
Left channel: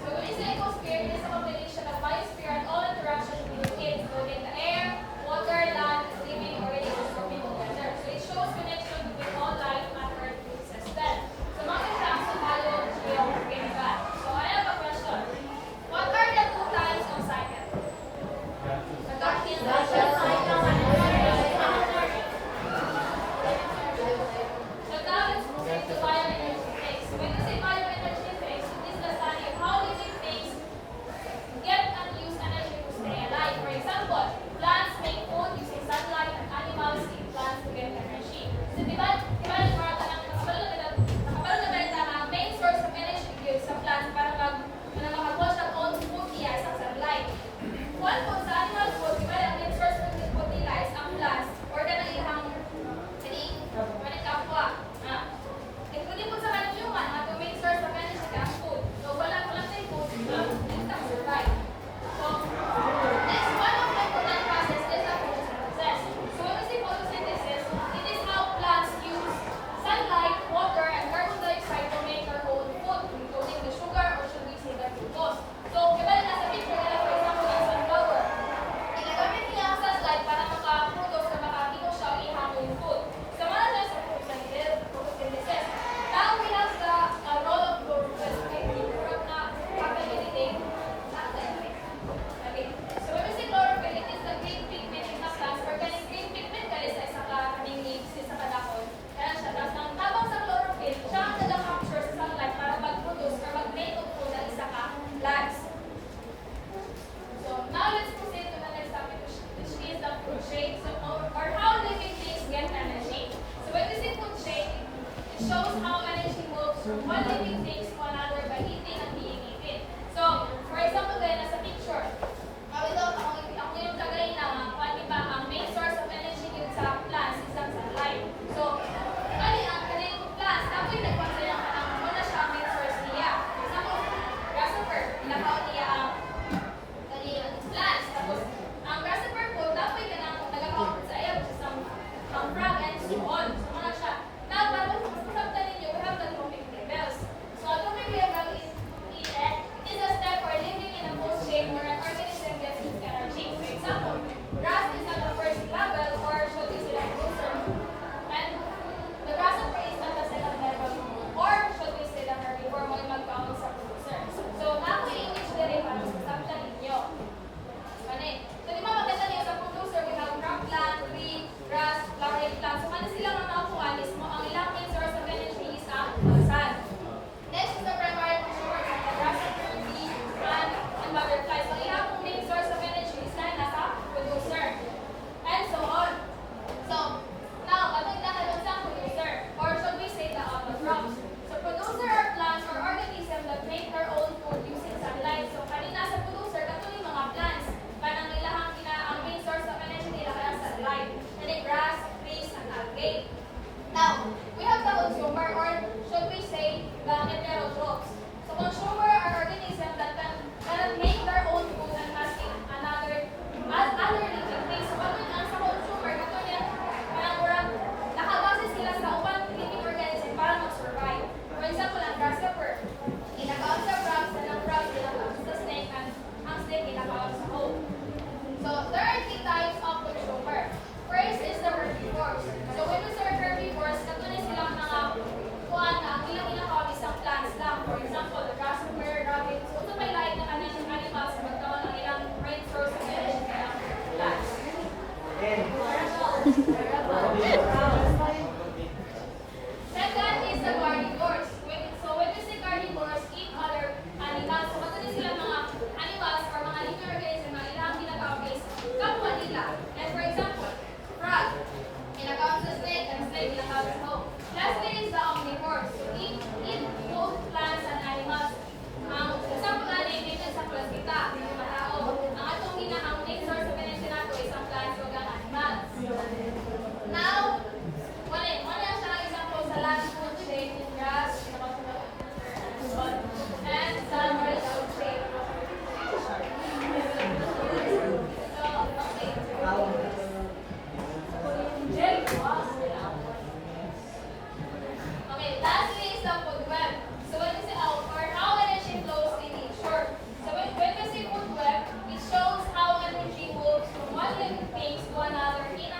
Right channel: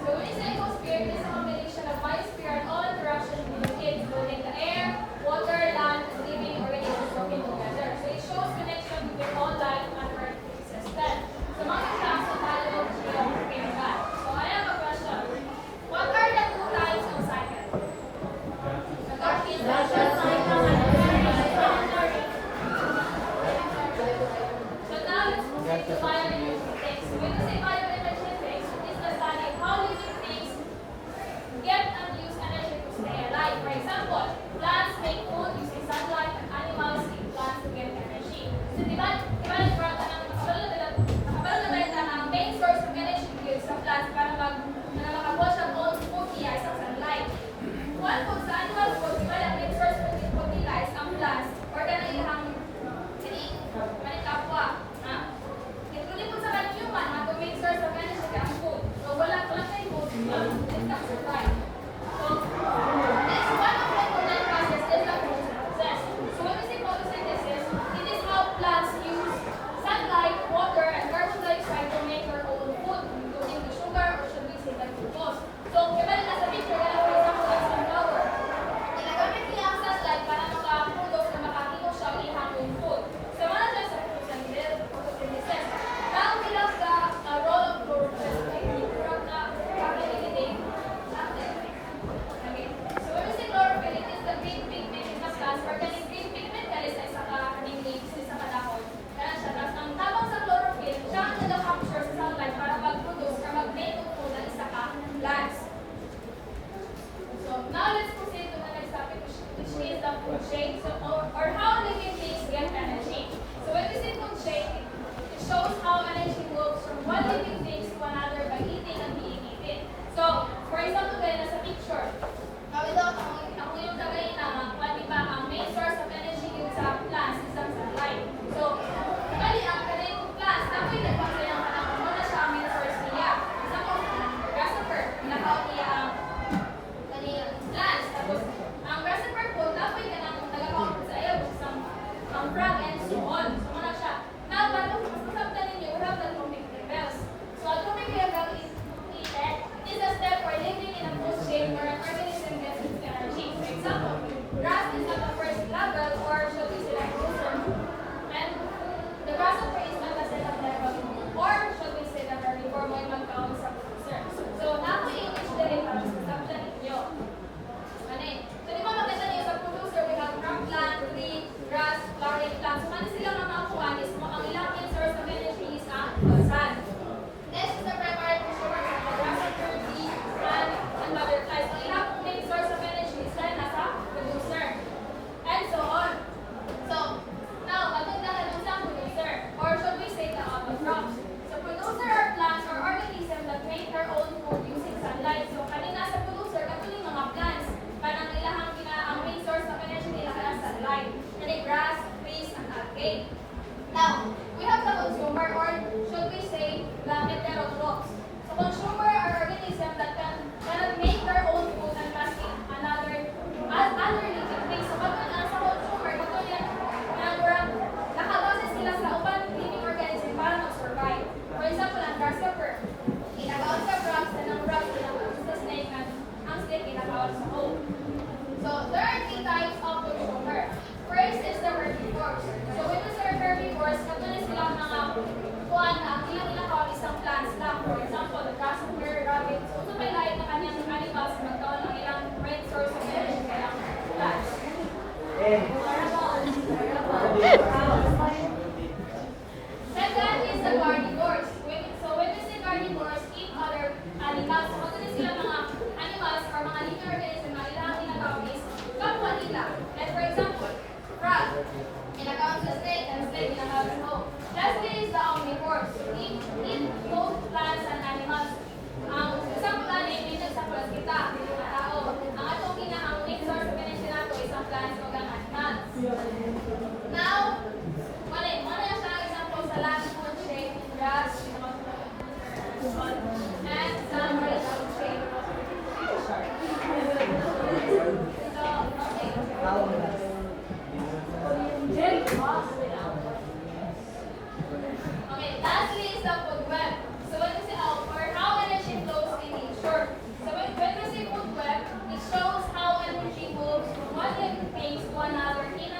So when we say ecosphere, it is a combination of biosphere and all interactions between it, including the air, water, land, living organisms working together. So it shows connection between all life and earth system. So mga examples of biology of that. So I have a question. What are the two types of cycle? The natural cycle and so now let's move into bioenergetics. When we say bioenergetics, it is the study of how living things get and use energy to stay alive. For example, plants make food using sunlight and animals eat plants to get energy. So diba nakabalo na ba ang main source of energy gives sa plants para makabuha siya all food niya is ang sunlight. One food sa animal food, diba ang main source of food nila is ang plants or kanang ihang kapwa shows how energy moves from one living thing to another by eating and being eaten. So, for example, gaya na sa picture, ako yung kagay na, diba, ang main source of energy yun sa plants is ang sunlight. So, bali, ang kanilang plants, ako'y nagpang silang panahon mo na siya ang main source niya. Example, grasshopper, nakaw niya ang kanilang plants. Tapos, ang grasshopper po, ako'y nagakaw sa iyo, ang frog and so on. So, mga siya. Now, para masasabtan ninyo, we have the atomic levels. So, atomic level is a step for living in a cold state where an organism gets its energy. For example, grass is at the first level or should we say like closer. And the grasshopper is at the second level or should we say the herbivore mo yung magkawag sa closer. So, nako-English din para masasabtan ninyo. Ano so, di ba maganda niyo sa producer, we have crop plant, tree, grass, flowering plant. So, ano sila mga makuha mismo? Ang ilang main source of energy is ang sun. Next is the primary consumers of the grasshopper, bee, and butterflies. Ang ilang main source of energy is rin nasa producer. And so on. So, now, maganda na dun sa producer. Or should we say the crops. So, producer are plants or organisms that make their own food using sunlight. So, kanina sa producer, katuloy mga plants. Kanang nilahang ang main source of energy nila ka ng sunlight. Jadi grass, trees, and algae. Now, we have the consumer or should we say the heterotrophs. So, consumer are organisms that can make their own food and passing other living things. So, pag ang sa consumer, katuloy nakabase sila sa upang living organism para mag-survive. For example, ang grasshopper, ginagawad sa frogs, and ang frogs ginagawad sa snake, and ang snake ginagawad sa hole. So, there are three types of consumer. First is the herbivores. So, when we say herbivores, katulad silang mga kuwan na ang ilang ginagawa isang plants lang. For example, the grasshopper, rabbit. So, ito may lahat na kanyang animals na magkaroon ng ilang main source of energy kaya plants. Second is the carnivores. So, when we say carnivores, eat other animals. So, katulad sila mga animals or mga living organisms na ilang ginagawa is kapwa nila. Like for example, frog, ginagawa sa snake, and snake ginagawa sa hole. Lastly is the omnivores. Eat both plants and animals. Example na mention sa class kita, mga tao. Ang atong ang main source of energy nato is ang plants o ang animals. Now, wala siya ang example sa land food shape, grass, and some are food shape. Okay, lastly is the food web. So when we say how energy flows in nature. So when we say food web, it shows how energy moves from one living thing to another in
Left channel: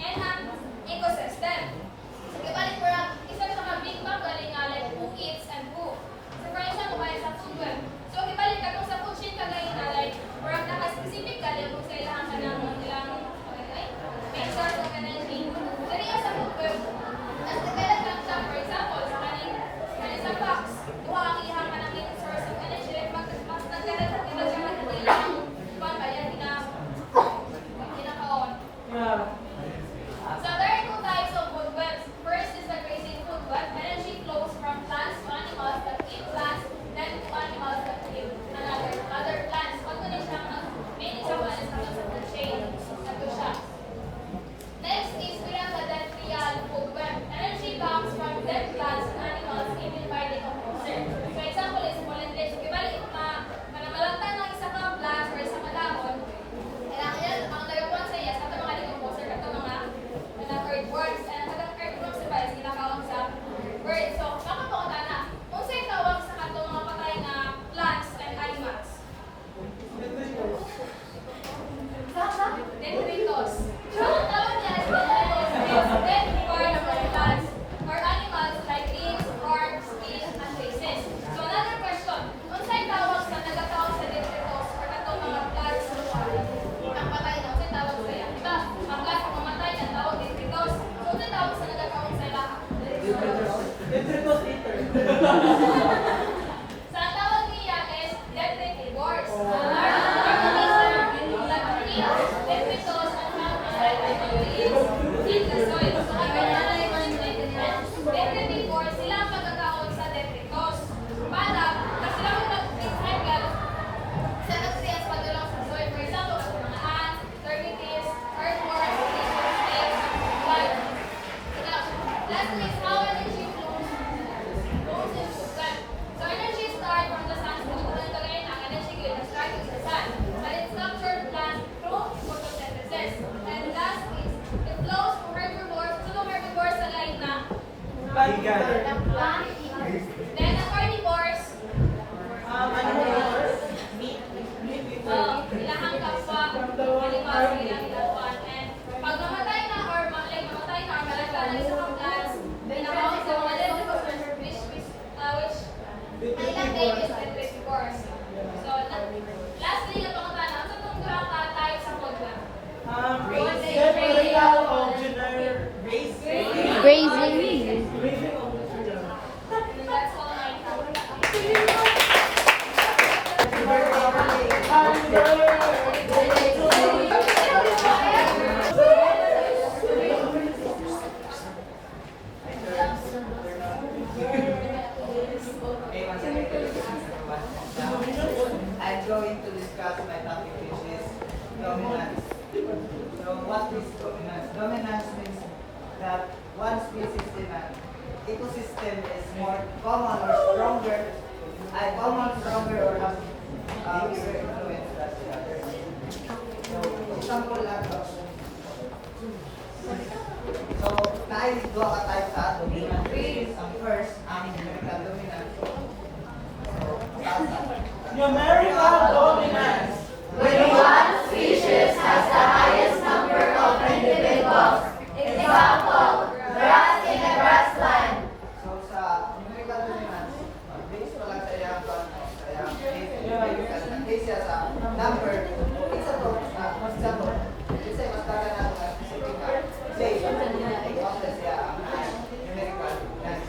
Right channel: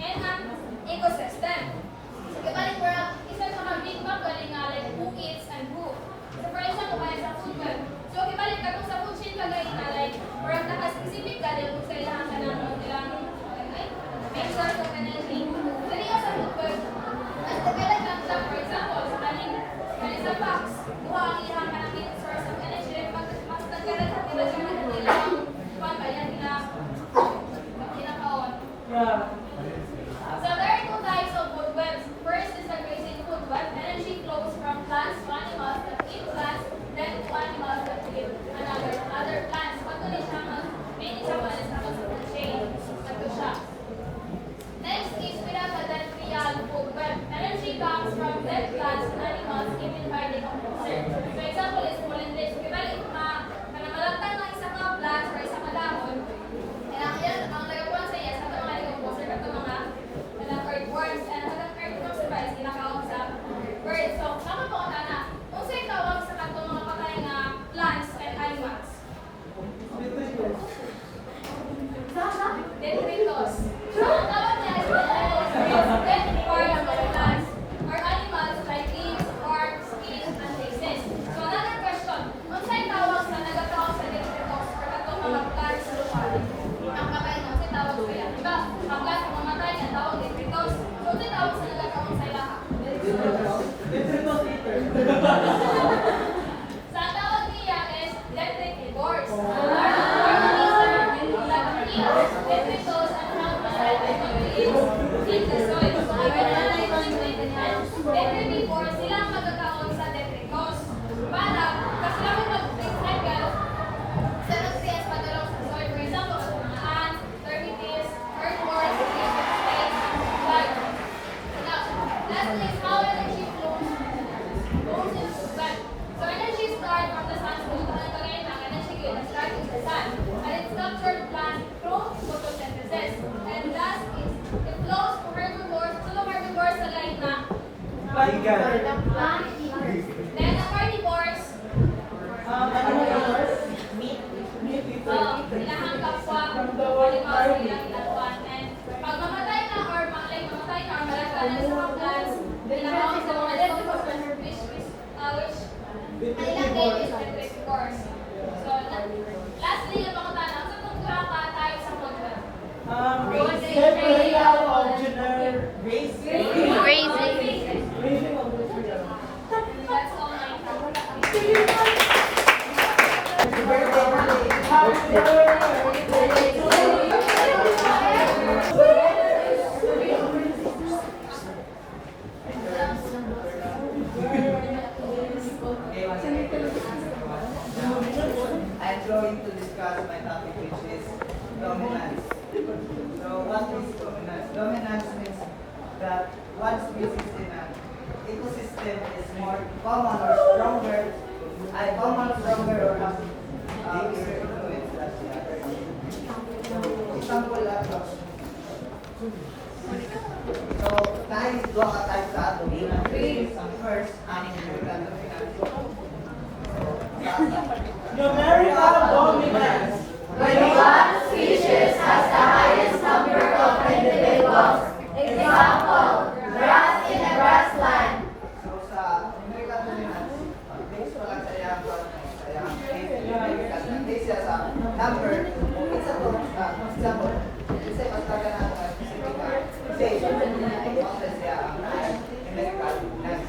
an ecosystem. So kibalik ko lang, isa sa mga big bang galing nga like who eats and who. So for example, kaya sa food web. So kibalik ka kung sa food chain kagaling na like or naka-specific galing kung sa ilang kanyang main source of energy. Dali ka sa food web. As develop lang siya, for example, sa kanin sa box, buha ang ilang ka ng main source of energy. Mas nag-develop ka na siya ng ilang pangbayan kinakaon. So there are two types of food webs. First is the grazing food web. Energy flows from plants to animals that eat plants, then to animals that eat other plants. Pagkunin siya ang main example is sa food chain. Ito siya. Next is we have the dead food web. Energy comes from dead plants and animals given by decomposer. So example is molendage. Kibalik mga malantang ng isang mga plants or isang mga dahon. Kailangan yan, ang nagapuan sa iya sa mga decomposer at mga earthworms and mga earthworms sa guys, kinakawag sa birds. So, nakapaunta na. Kung sa'yo tawag sa katong mga patay na plants and animals. Detritus. So, ang tawag niya is dead plants or animals like leaves, bark, skin, and faces. So, another question. Kung sa'yo tawag sa nagkatawag sa detritus or katong mga plants sa lupa, ang patay na, sa'yo tawag sa iya. Diba? Ang plant kung mamatay, ang tawag detritus. So, sa'yo tawag sa nagkatawag sa ilaha. Detritus eater. So, ang tawag niya is detritivores. Organism that eats detritus and eat the soil. So, ang detritivores Last is how energy flows into plant. So energy starts from the sun. So ito ang kagaya ng energy ko, it starts from the sun. And it's structured plant through photosynthesis. And last is it flows from herbivores to the herbivores sa line ng then the carnivores, ilahang kapwa, halimbawa ilang ilapan. And pag mamatay na or mamatay na or malagay sa mga plants, ilahang sa mga leftovers which ilang day is herbivores. So lastly, napangutan ang sa pagkura ka tayo sa model. Separation of gender race. Grazing. Grazing of gender. That's all I have. Okay, once again, I'm going to discuss my topic, which is dominance. So what is dominance? Dominance means that one species in an ecosystem is more common or stronger, or have bigger influence than the other. So, example lang to. So, dahil dua ka type sa dominant species, ang first, ang numerical dominance. So, Numerical dominance. When one species has the highest number of individuals, example, grass in a grassland. So sa numerical dominance, based pa lang sa iyang siya sa number, isa to, example, kasi mas taga na ito ang specific na say, content siya ang numerical dominance.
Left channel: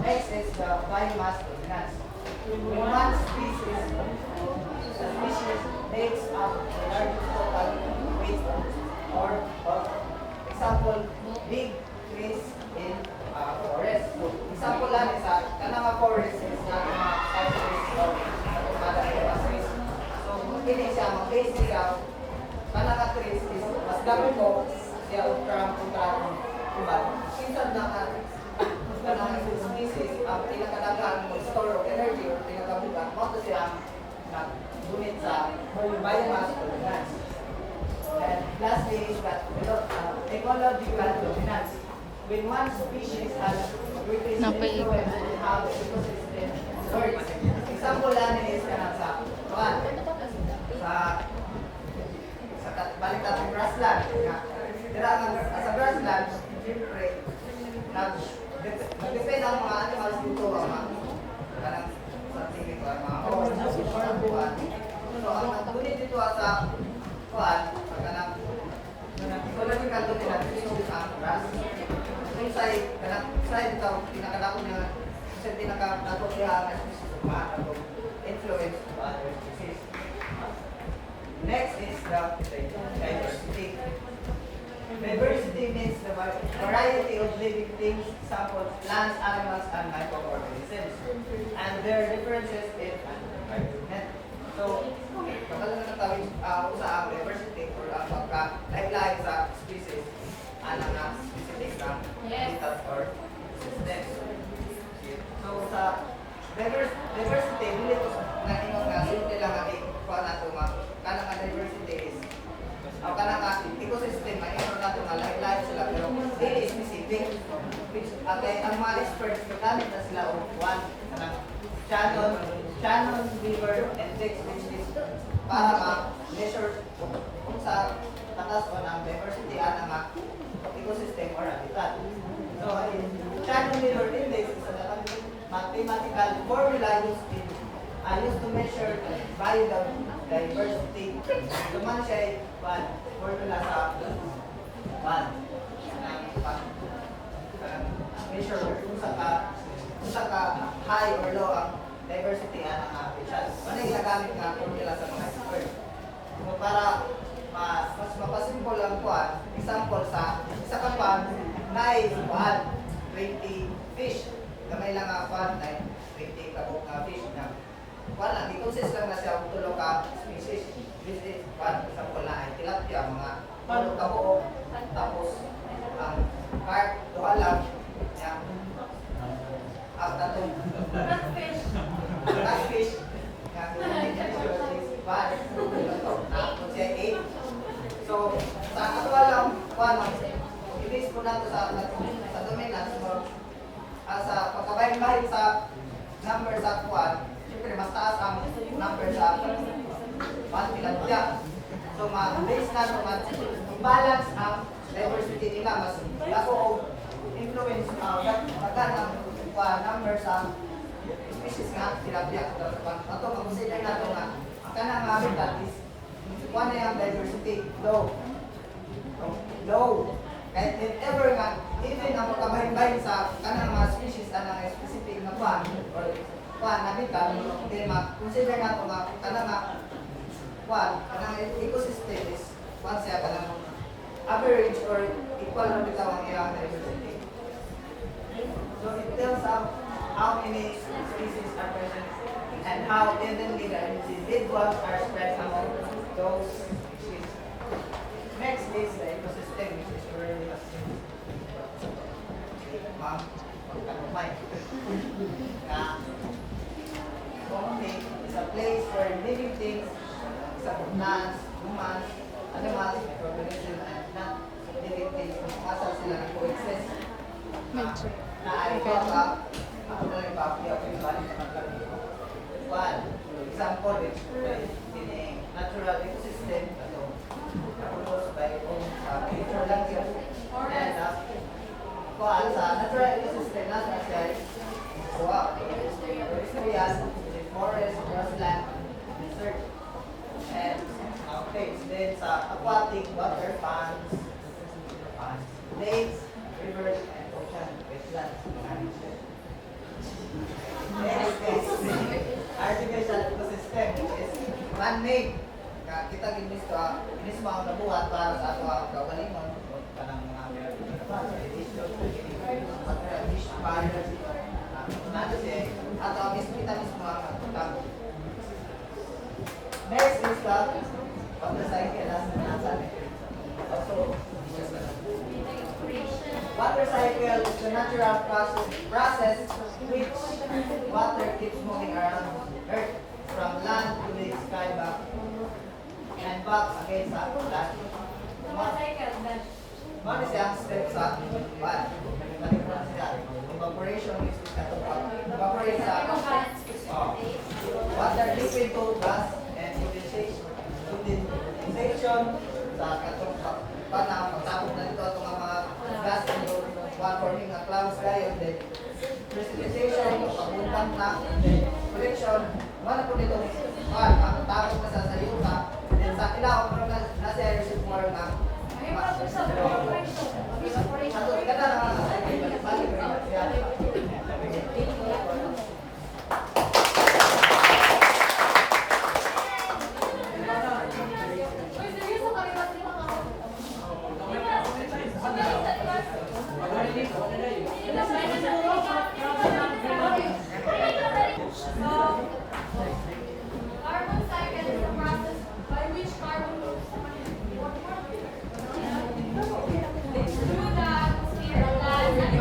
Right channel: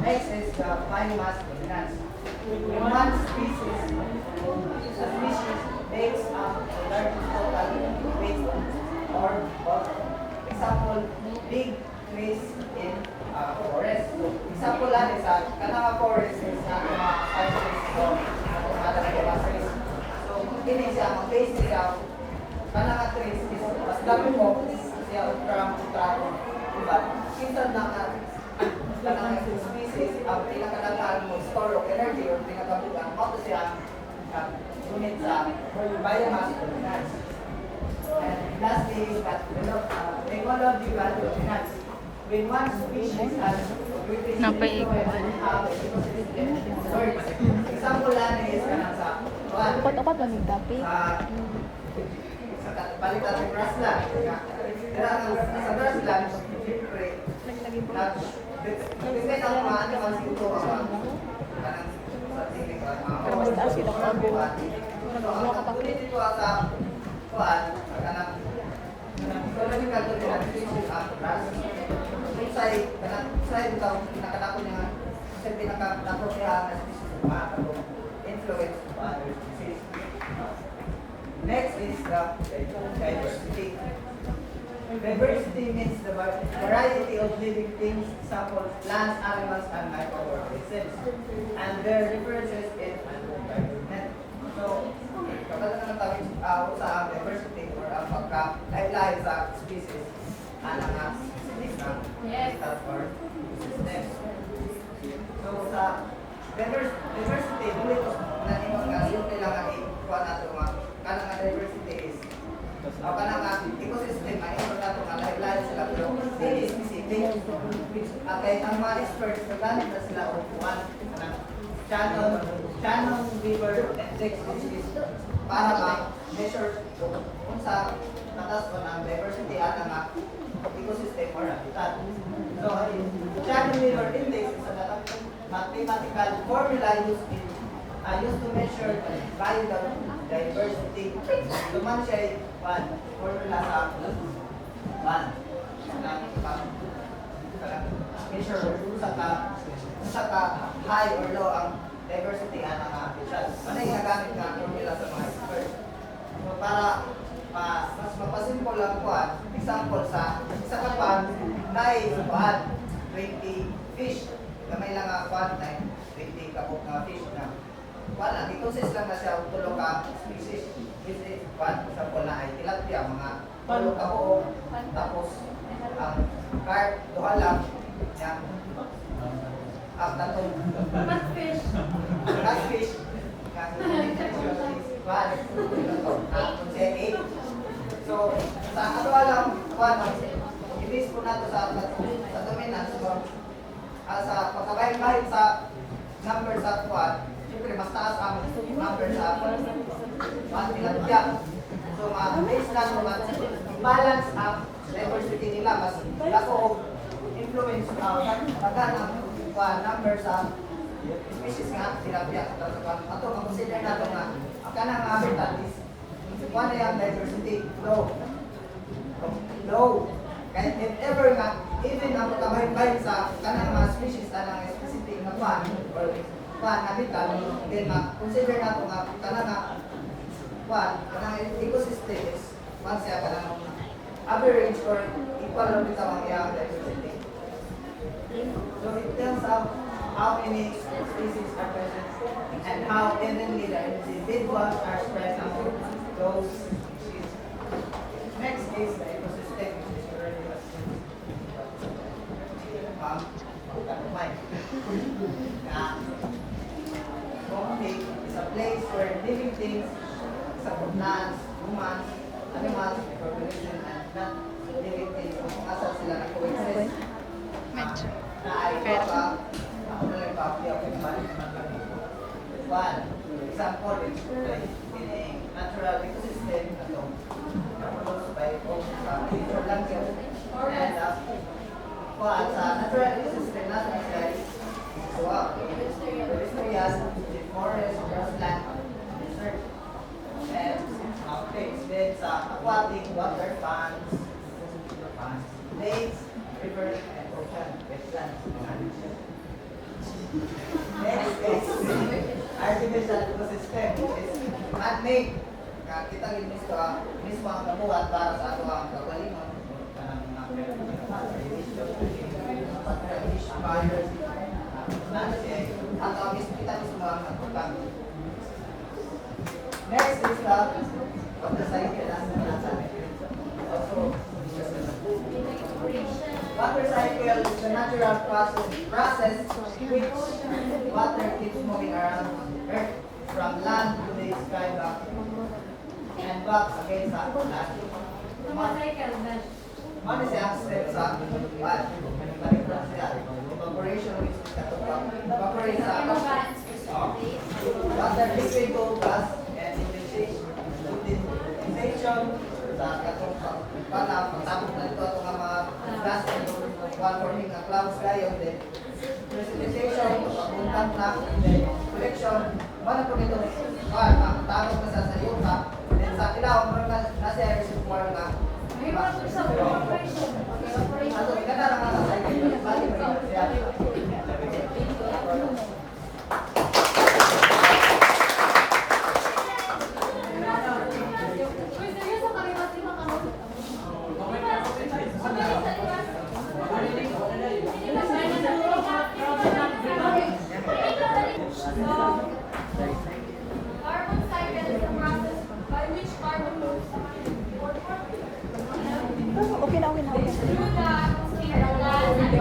Next is the biomass dominance. When one species, a species takes up the largest total weight or example, big trees in forest. So, example lang is kanang forest is na mga countries o natumala ng mga trees. So, kini siya, mag-base siya, kanang trees is mas dami mo siya utram diba? Minsan na kanang species, ang pinakadagaan mo store of energy or pinakabugan, mo to siya gunit sa biomass dominance. And lastly is that ecological dominance. When one species has greatest influence on how the ecosystem works. Example lang is kanang sa balikan ng grassland. Kaya sa grassland, siyempre, nag-depend ang mga animals dito kanang sa tingin ko, mga buwan. So, ang nagpunit dito sa kuhan, kanang ecological dominance is ang grass. Kung sa'yo ito, pinakadako niya, kasi pinakadako siya na species influence to other species. Next is the diversity. Diversity means the variety of living things, example, plants, animals, and microorganisms, and their differences in environment. So, kapag na tawag sa ang diversity or ang pagka-live sa species, anong na specific na vital or system. So, sa diversity, bilit na nimo nga simple lang ang ikuha na ito kanang diversity is kanang ecosystem ay ito na ito nga lahi-lahi sila pero very specific. Okay, ang mga experts nagamit na sila o one Shannon River Index which is para ma-measure kung sa tatas o ng diversity at ang ecosystem or habitat. So, Shannon River Index is a mathematical formula used to measure biodiversity. Luman siya ay formula sa measure kung sa ka high or low ang diversity ang habitat. Ano yung nagamit na formula sa mga experts? So para mas mapasimple lang kuhan, example sa isa ka pan na kuhan 20 fish. Kamay lang ang kuhan na 20 kabok na fish na wala, i-consist lang na siya ang tulong ka species. This is one example na ay tilapia, mga palo kabuok, tapos ang carp, duha lang, tatong catfish. So, sa ato alam, ibig po nato sa dominance or sa pagkabahin-bahin sa number sa kuwan, siyempre mas taas ang number sa tilapia. So, ma-base na balance ang diversity nila, mas ako influence pagka number sa species nga tilapia. Ato consider nato nga ang kanang habitat is one yung diversity low. Kahit if ever nga even ang kabahin-bahin sa kanang mga species kanang specific na kwan or kwan habitat, then ma-consider nato nga kanang kanang ecosystem is kwan siya kanang average or equal lang bitaw ang iyang diversity. So it tells how many species are present and how evenly the individuals are spread among those species. Next is the ecosystem, which is where we have seen is a place where living things, plants, humans, animals, population, and non-living things, kung asal sila na coexist. Na ay ako na yung papi ako yung balik ng kalito. One, example is in a natural ecosystem, proposed by sa future lang yun. And sa natural ecosystem natin siya is pedestrian, forest, grassland, desert, and mountains. Then sa aquatic, water, ponds, lakes, rivers, and ocean, wetlands. Next is artificial ecosystem, which is man-made. Kita mismo ang kabuhat para sa ato ang kawalingon, kanang fish, barriers, at ang kita mismo ang utang. Next is the water cycle as also water cycle is the natural process in which water keeps moving around Earth from land to the sky back and back again sa land. One is the aspect sa what? Evaporation is evaporate sa water liquid to gas and condensation sa katong pagtapos na ito itong mga gas and forming a cloud sky and then precipitation, pagpuntan na, then collection, wala po nito tarong na sa yuta, then sa ilaw, nasa reservoir na ano, ganda lang ang sa cycle, balik na siya. Carbon cycle is the process by which carbon moves through the atmosphere, land,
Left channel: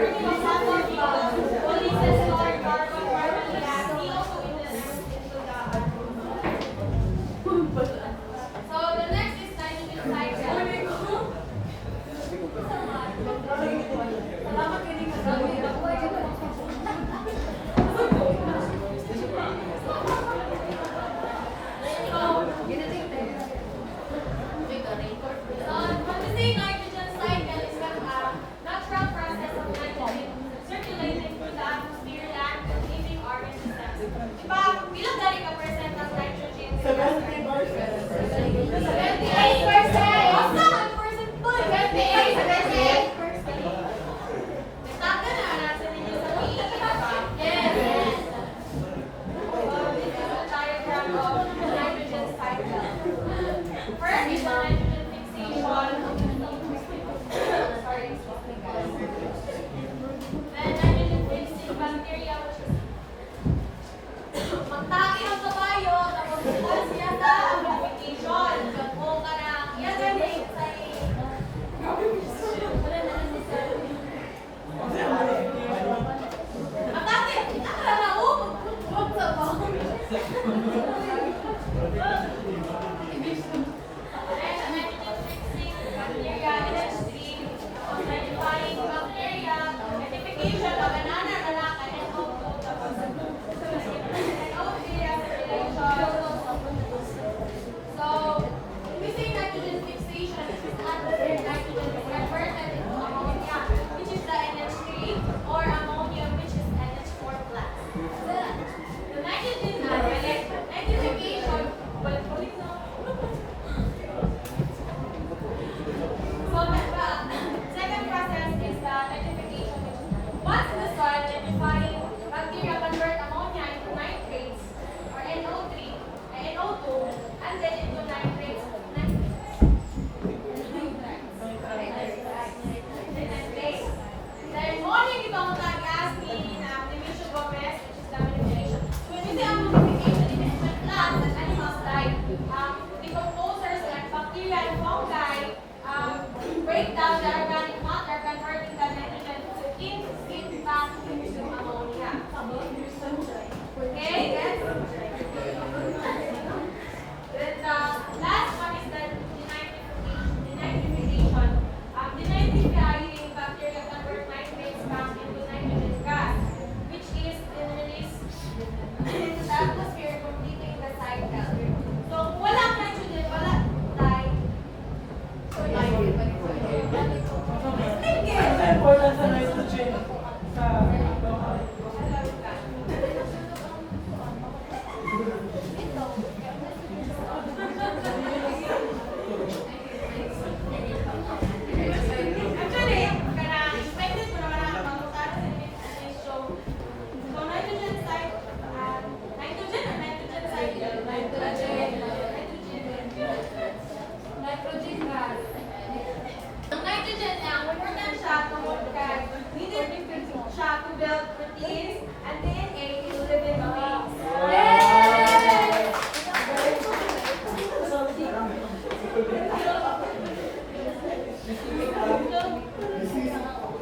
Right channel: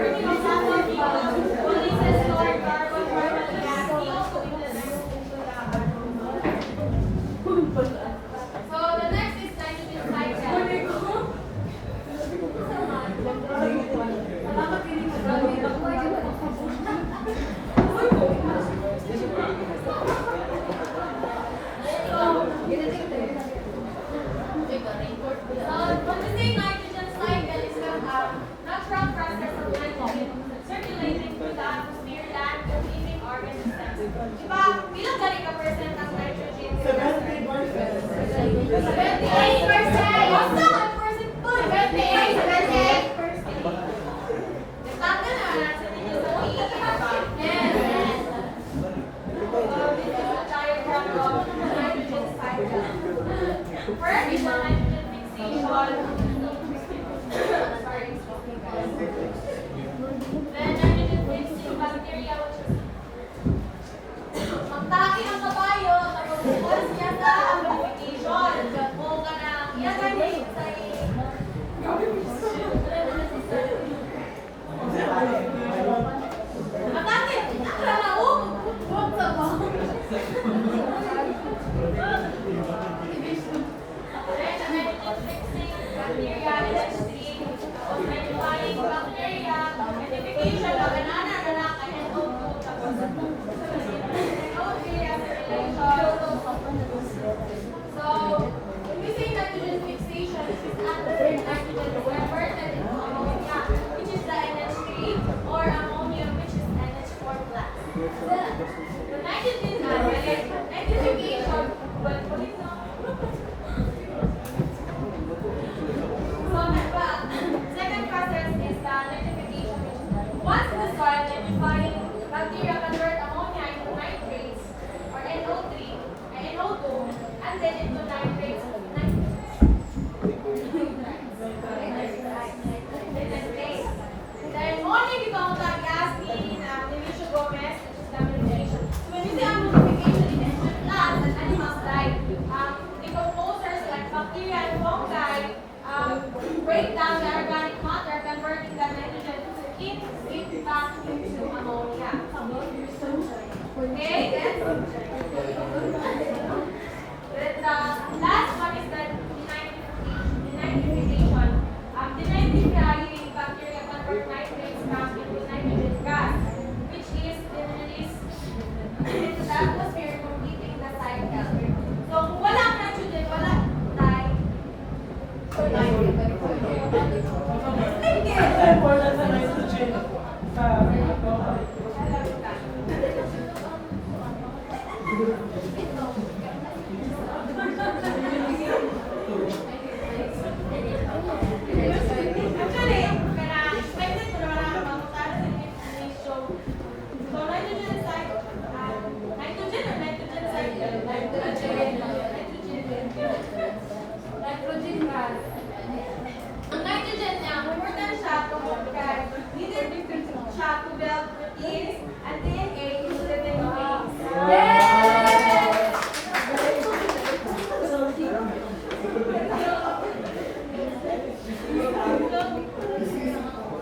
burning of fossil fuels releases stored carbon, carbon gas, CO2 into the atmosphere. So the next is nitrogen cycle. When we say nitrogen cycle, it's a natural process of nitrogen circulating through the atmosphere, land, and living organisms. Diba, ilang gani ka percent ang nitrogen? 78%. Basta ang percent to, 78%. Tama na, nasa ninyo sa Yes. This is a diagram of nitrogen cycle. First is the nitrogen fixation. Sorry. Then nitrogen fixing bacteria, which is magtaki ang kabayo, tapos bukas niya sa amplification. O ka na, yan ang name sa Atake! Akala ko! Huwag ka ba? Or ammonium, which is NH4 plus. The nitrogen nitrification, but second process is the nitrification. Once in the soil, nitrifying bacteria convert ammonia into nitrates or NO3 and NO2, and then into nitrates. Dahil morning ito ang tagas ni Demetrio Gomez, which is the amplification. When we say amplification in NH plus, and animals like decomposers like bacteria and fungi break down the organic matter, converting the nitrogen back into ammonia. Okay, then the last one is the denitrification. Denitrifying bacteria convert nitrates back into nitrogen gas, which is then released into the atmosphere, completing the cycle. So, kung wala nitrogen, wala Important sa nitrogen. Actually, expected ko naman ang pagkakutan sa nitrogen. So, nitrogen cycle, nitrogen or nitrogen cycle? Nitrogen gas. Ang nitrogen niya, important siya neither siya to build proteins and DNA in living beings.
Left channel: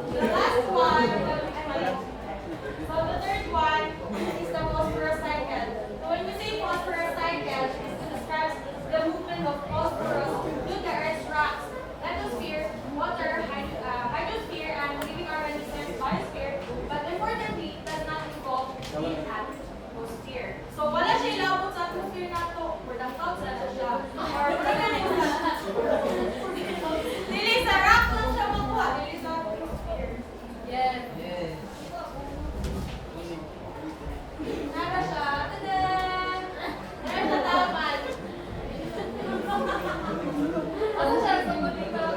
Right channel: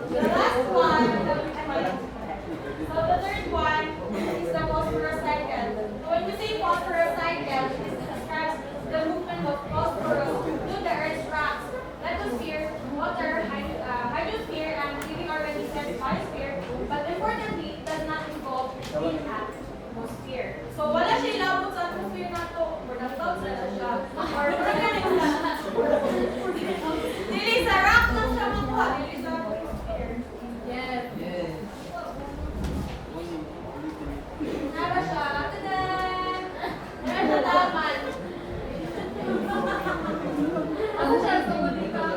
The last one, so the third one is the phosphorus cycle. So when we say phosphorus cycle, it describes the movement of phosphorus through the Earth's rocks, lithosphere, water, hydrosphere, and living organisms, biosphere. But importantly, it does not involve the atmosphere. So wala siya ilabot sa atmosphere na to, or na-float na siya, or wala ka na dili sa rock lang siya makuha, dili sa atmosphere. Yes. Nara siya, tadan! Nara siya taman. Ako siya, sugod ikaw.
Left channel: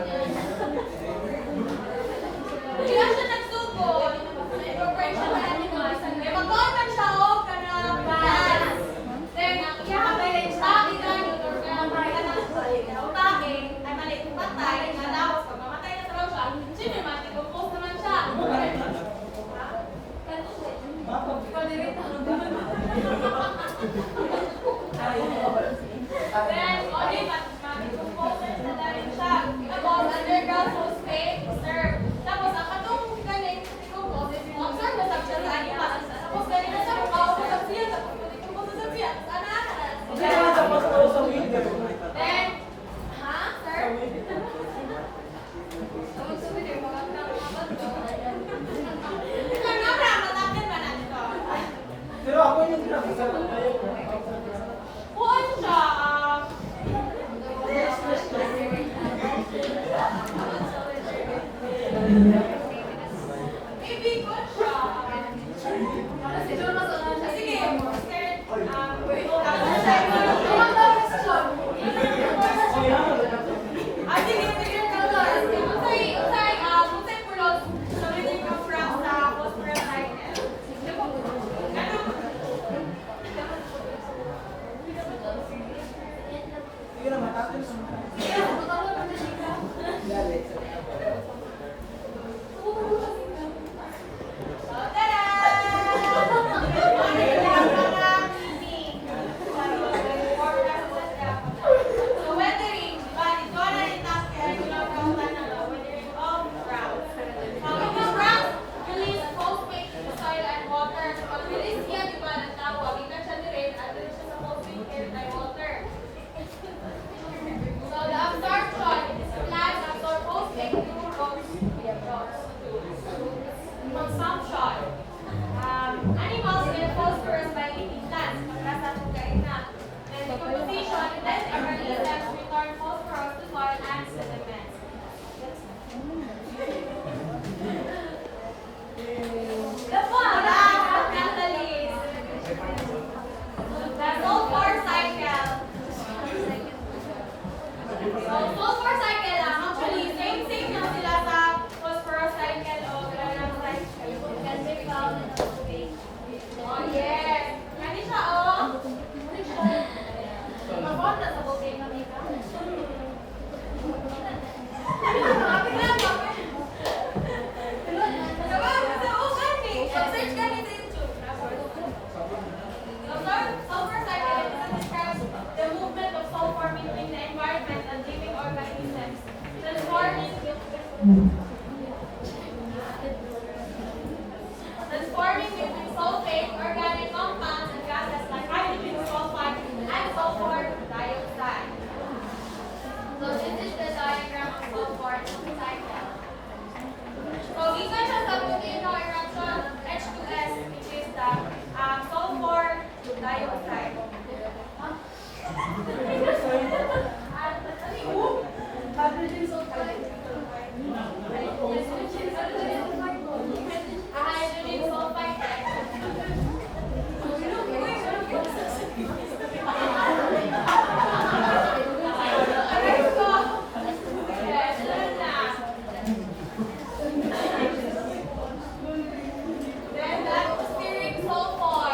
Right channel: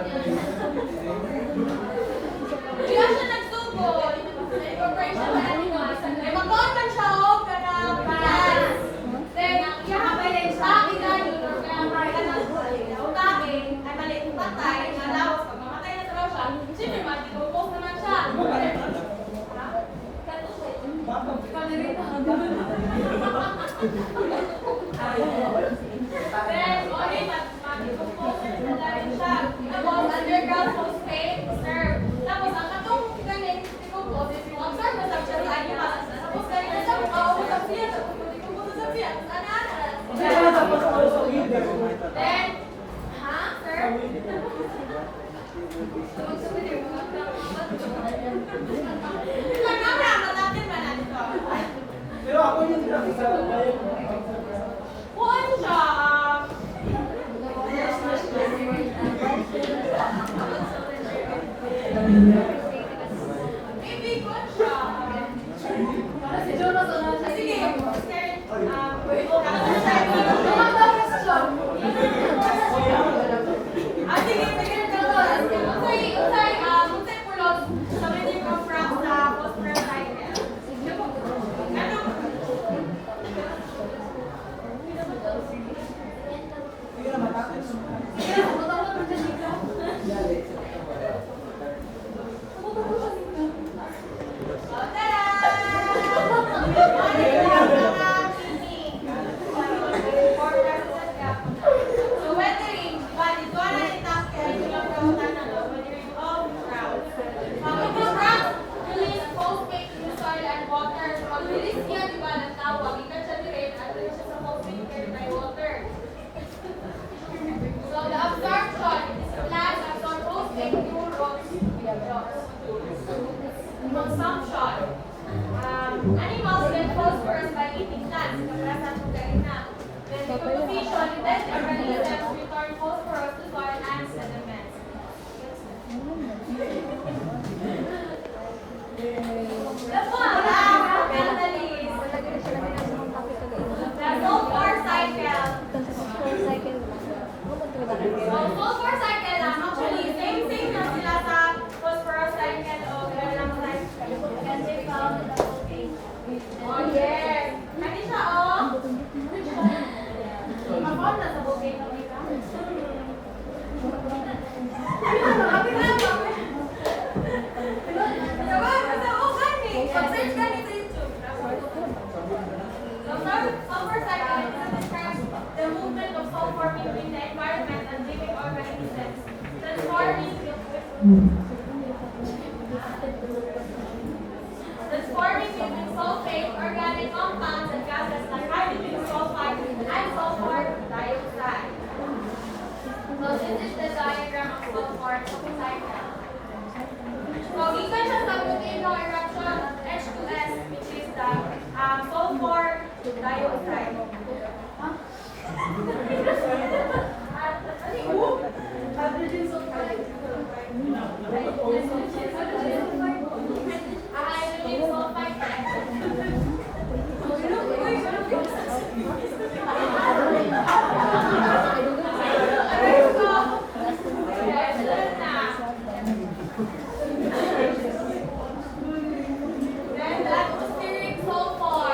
Kaya siya nagsugo. Incorporation of animals. Mag-contact siya o kanang gas. Then, nakakabalin siya. Utake, ay maliit ng patay, malawas. Pag mamatay na sa siya, siyempre, mag-decompose naman siya. Then, okay, mag-decompose na dahil siya. Tapos, underground phosphate reserve. Tapos, ang katong ganyan, consumption. Animals will phosphorus by eating plants. Pagkakasan mo kayo na. Then decomposition, it then release them to return phosphorus to soil and sediments. The sulfur cycle. So, sulfur cycle lang, actually, same lang sila sa phosphorus cycle o ilang cycle. Oh, yes. Kani siya, oh. Mabot na sa bukay kami ka. Search kami sa YouTube. Sulfur cycle describes the movement of sulfur between the environment and living organisms, transforming between sulfate, organic compounds, and gases like hydrogen sulfide and sulfur dioxide. So this is the diagram of sulfur cycle. So given siya sa volcano eruption H2S, which is the sulfur dioxide. Hydrogen sulfide. Then the atmospheric sulfur.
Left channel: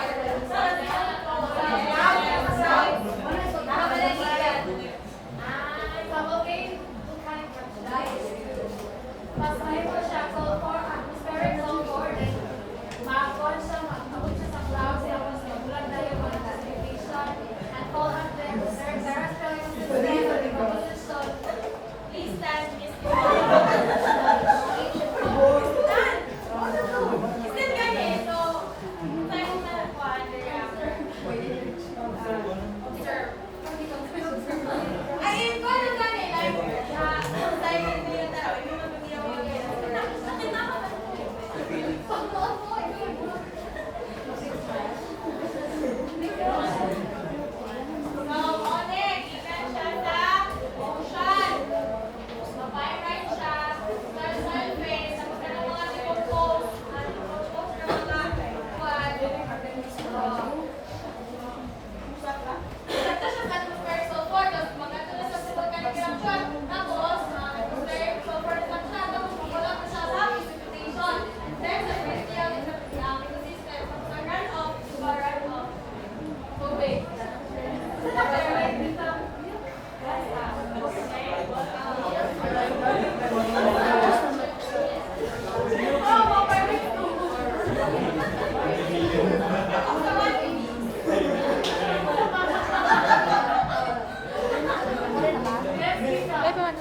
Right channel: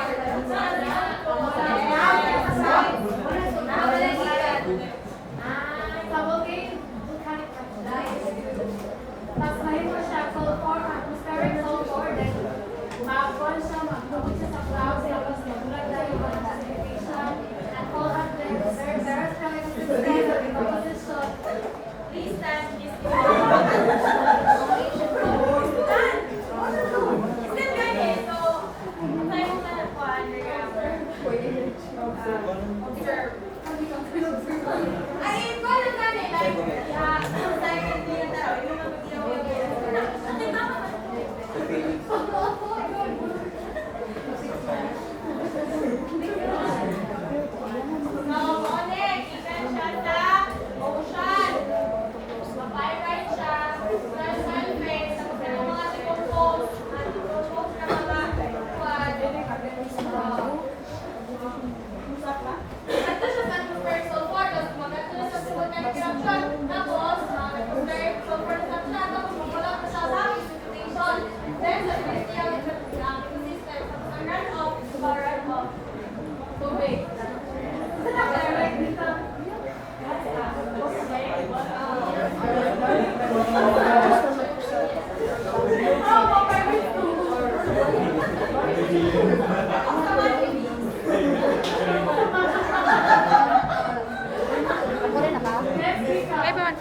Sa volcanic pasahin mo siya sulfur, atmospheric sulfur, then mag-on siya, mag-tawag siya sa clouds, tapos magulat na yung mga precipitation, and fall under the terrestrial system, decomposition. This time is ay, ikaw na kami, like, cycle nila tayo, hindi naman mag-iawag yan. Sakit na So, connect, given siya sa ocean. Mapyrite siya, sulfate, sa mga decompose, decompose na mga quad, ito siya sa atmospheric sulfur, tapos magkatuloy sa volcanic eruption, tapos atmospheric sulfur na siya, tapos magulat na siya sa precipitation. Then, sa terrestrial system, tapos ang runoff, diba runoff? Tubig. Everyone.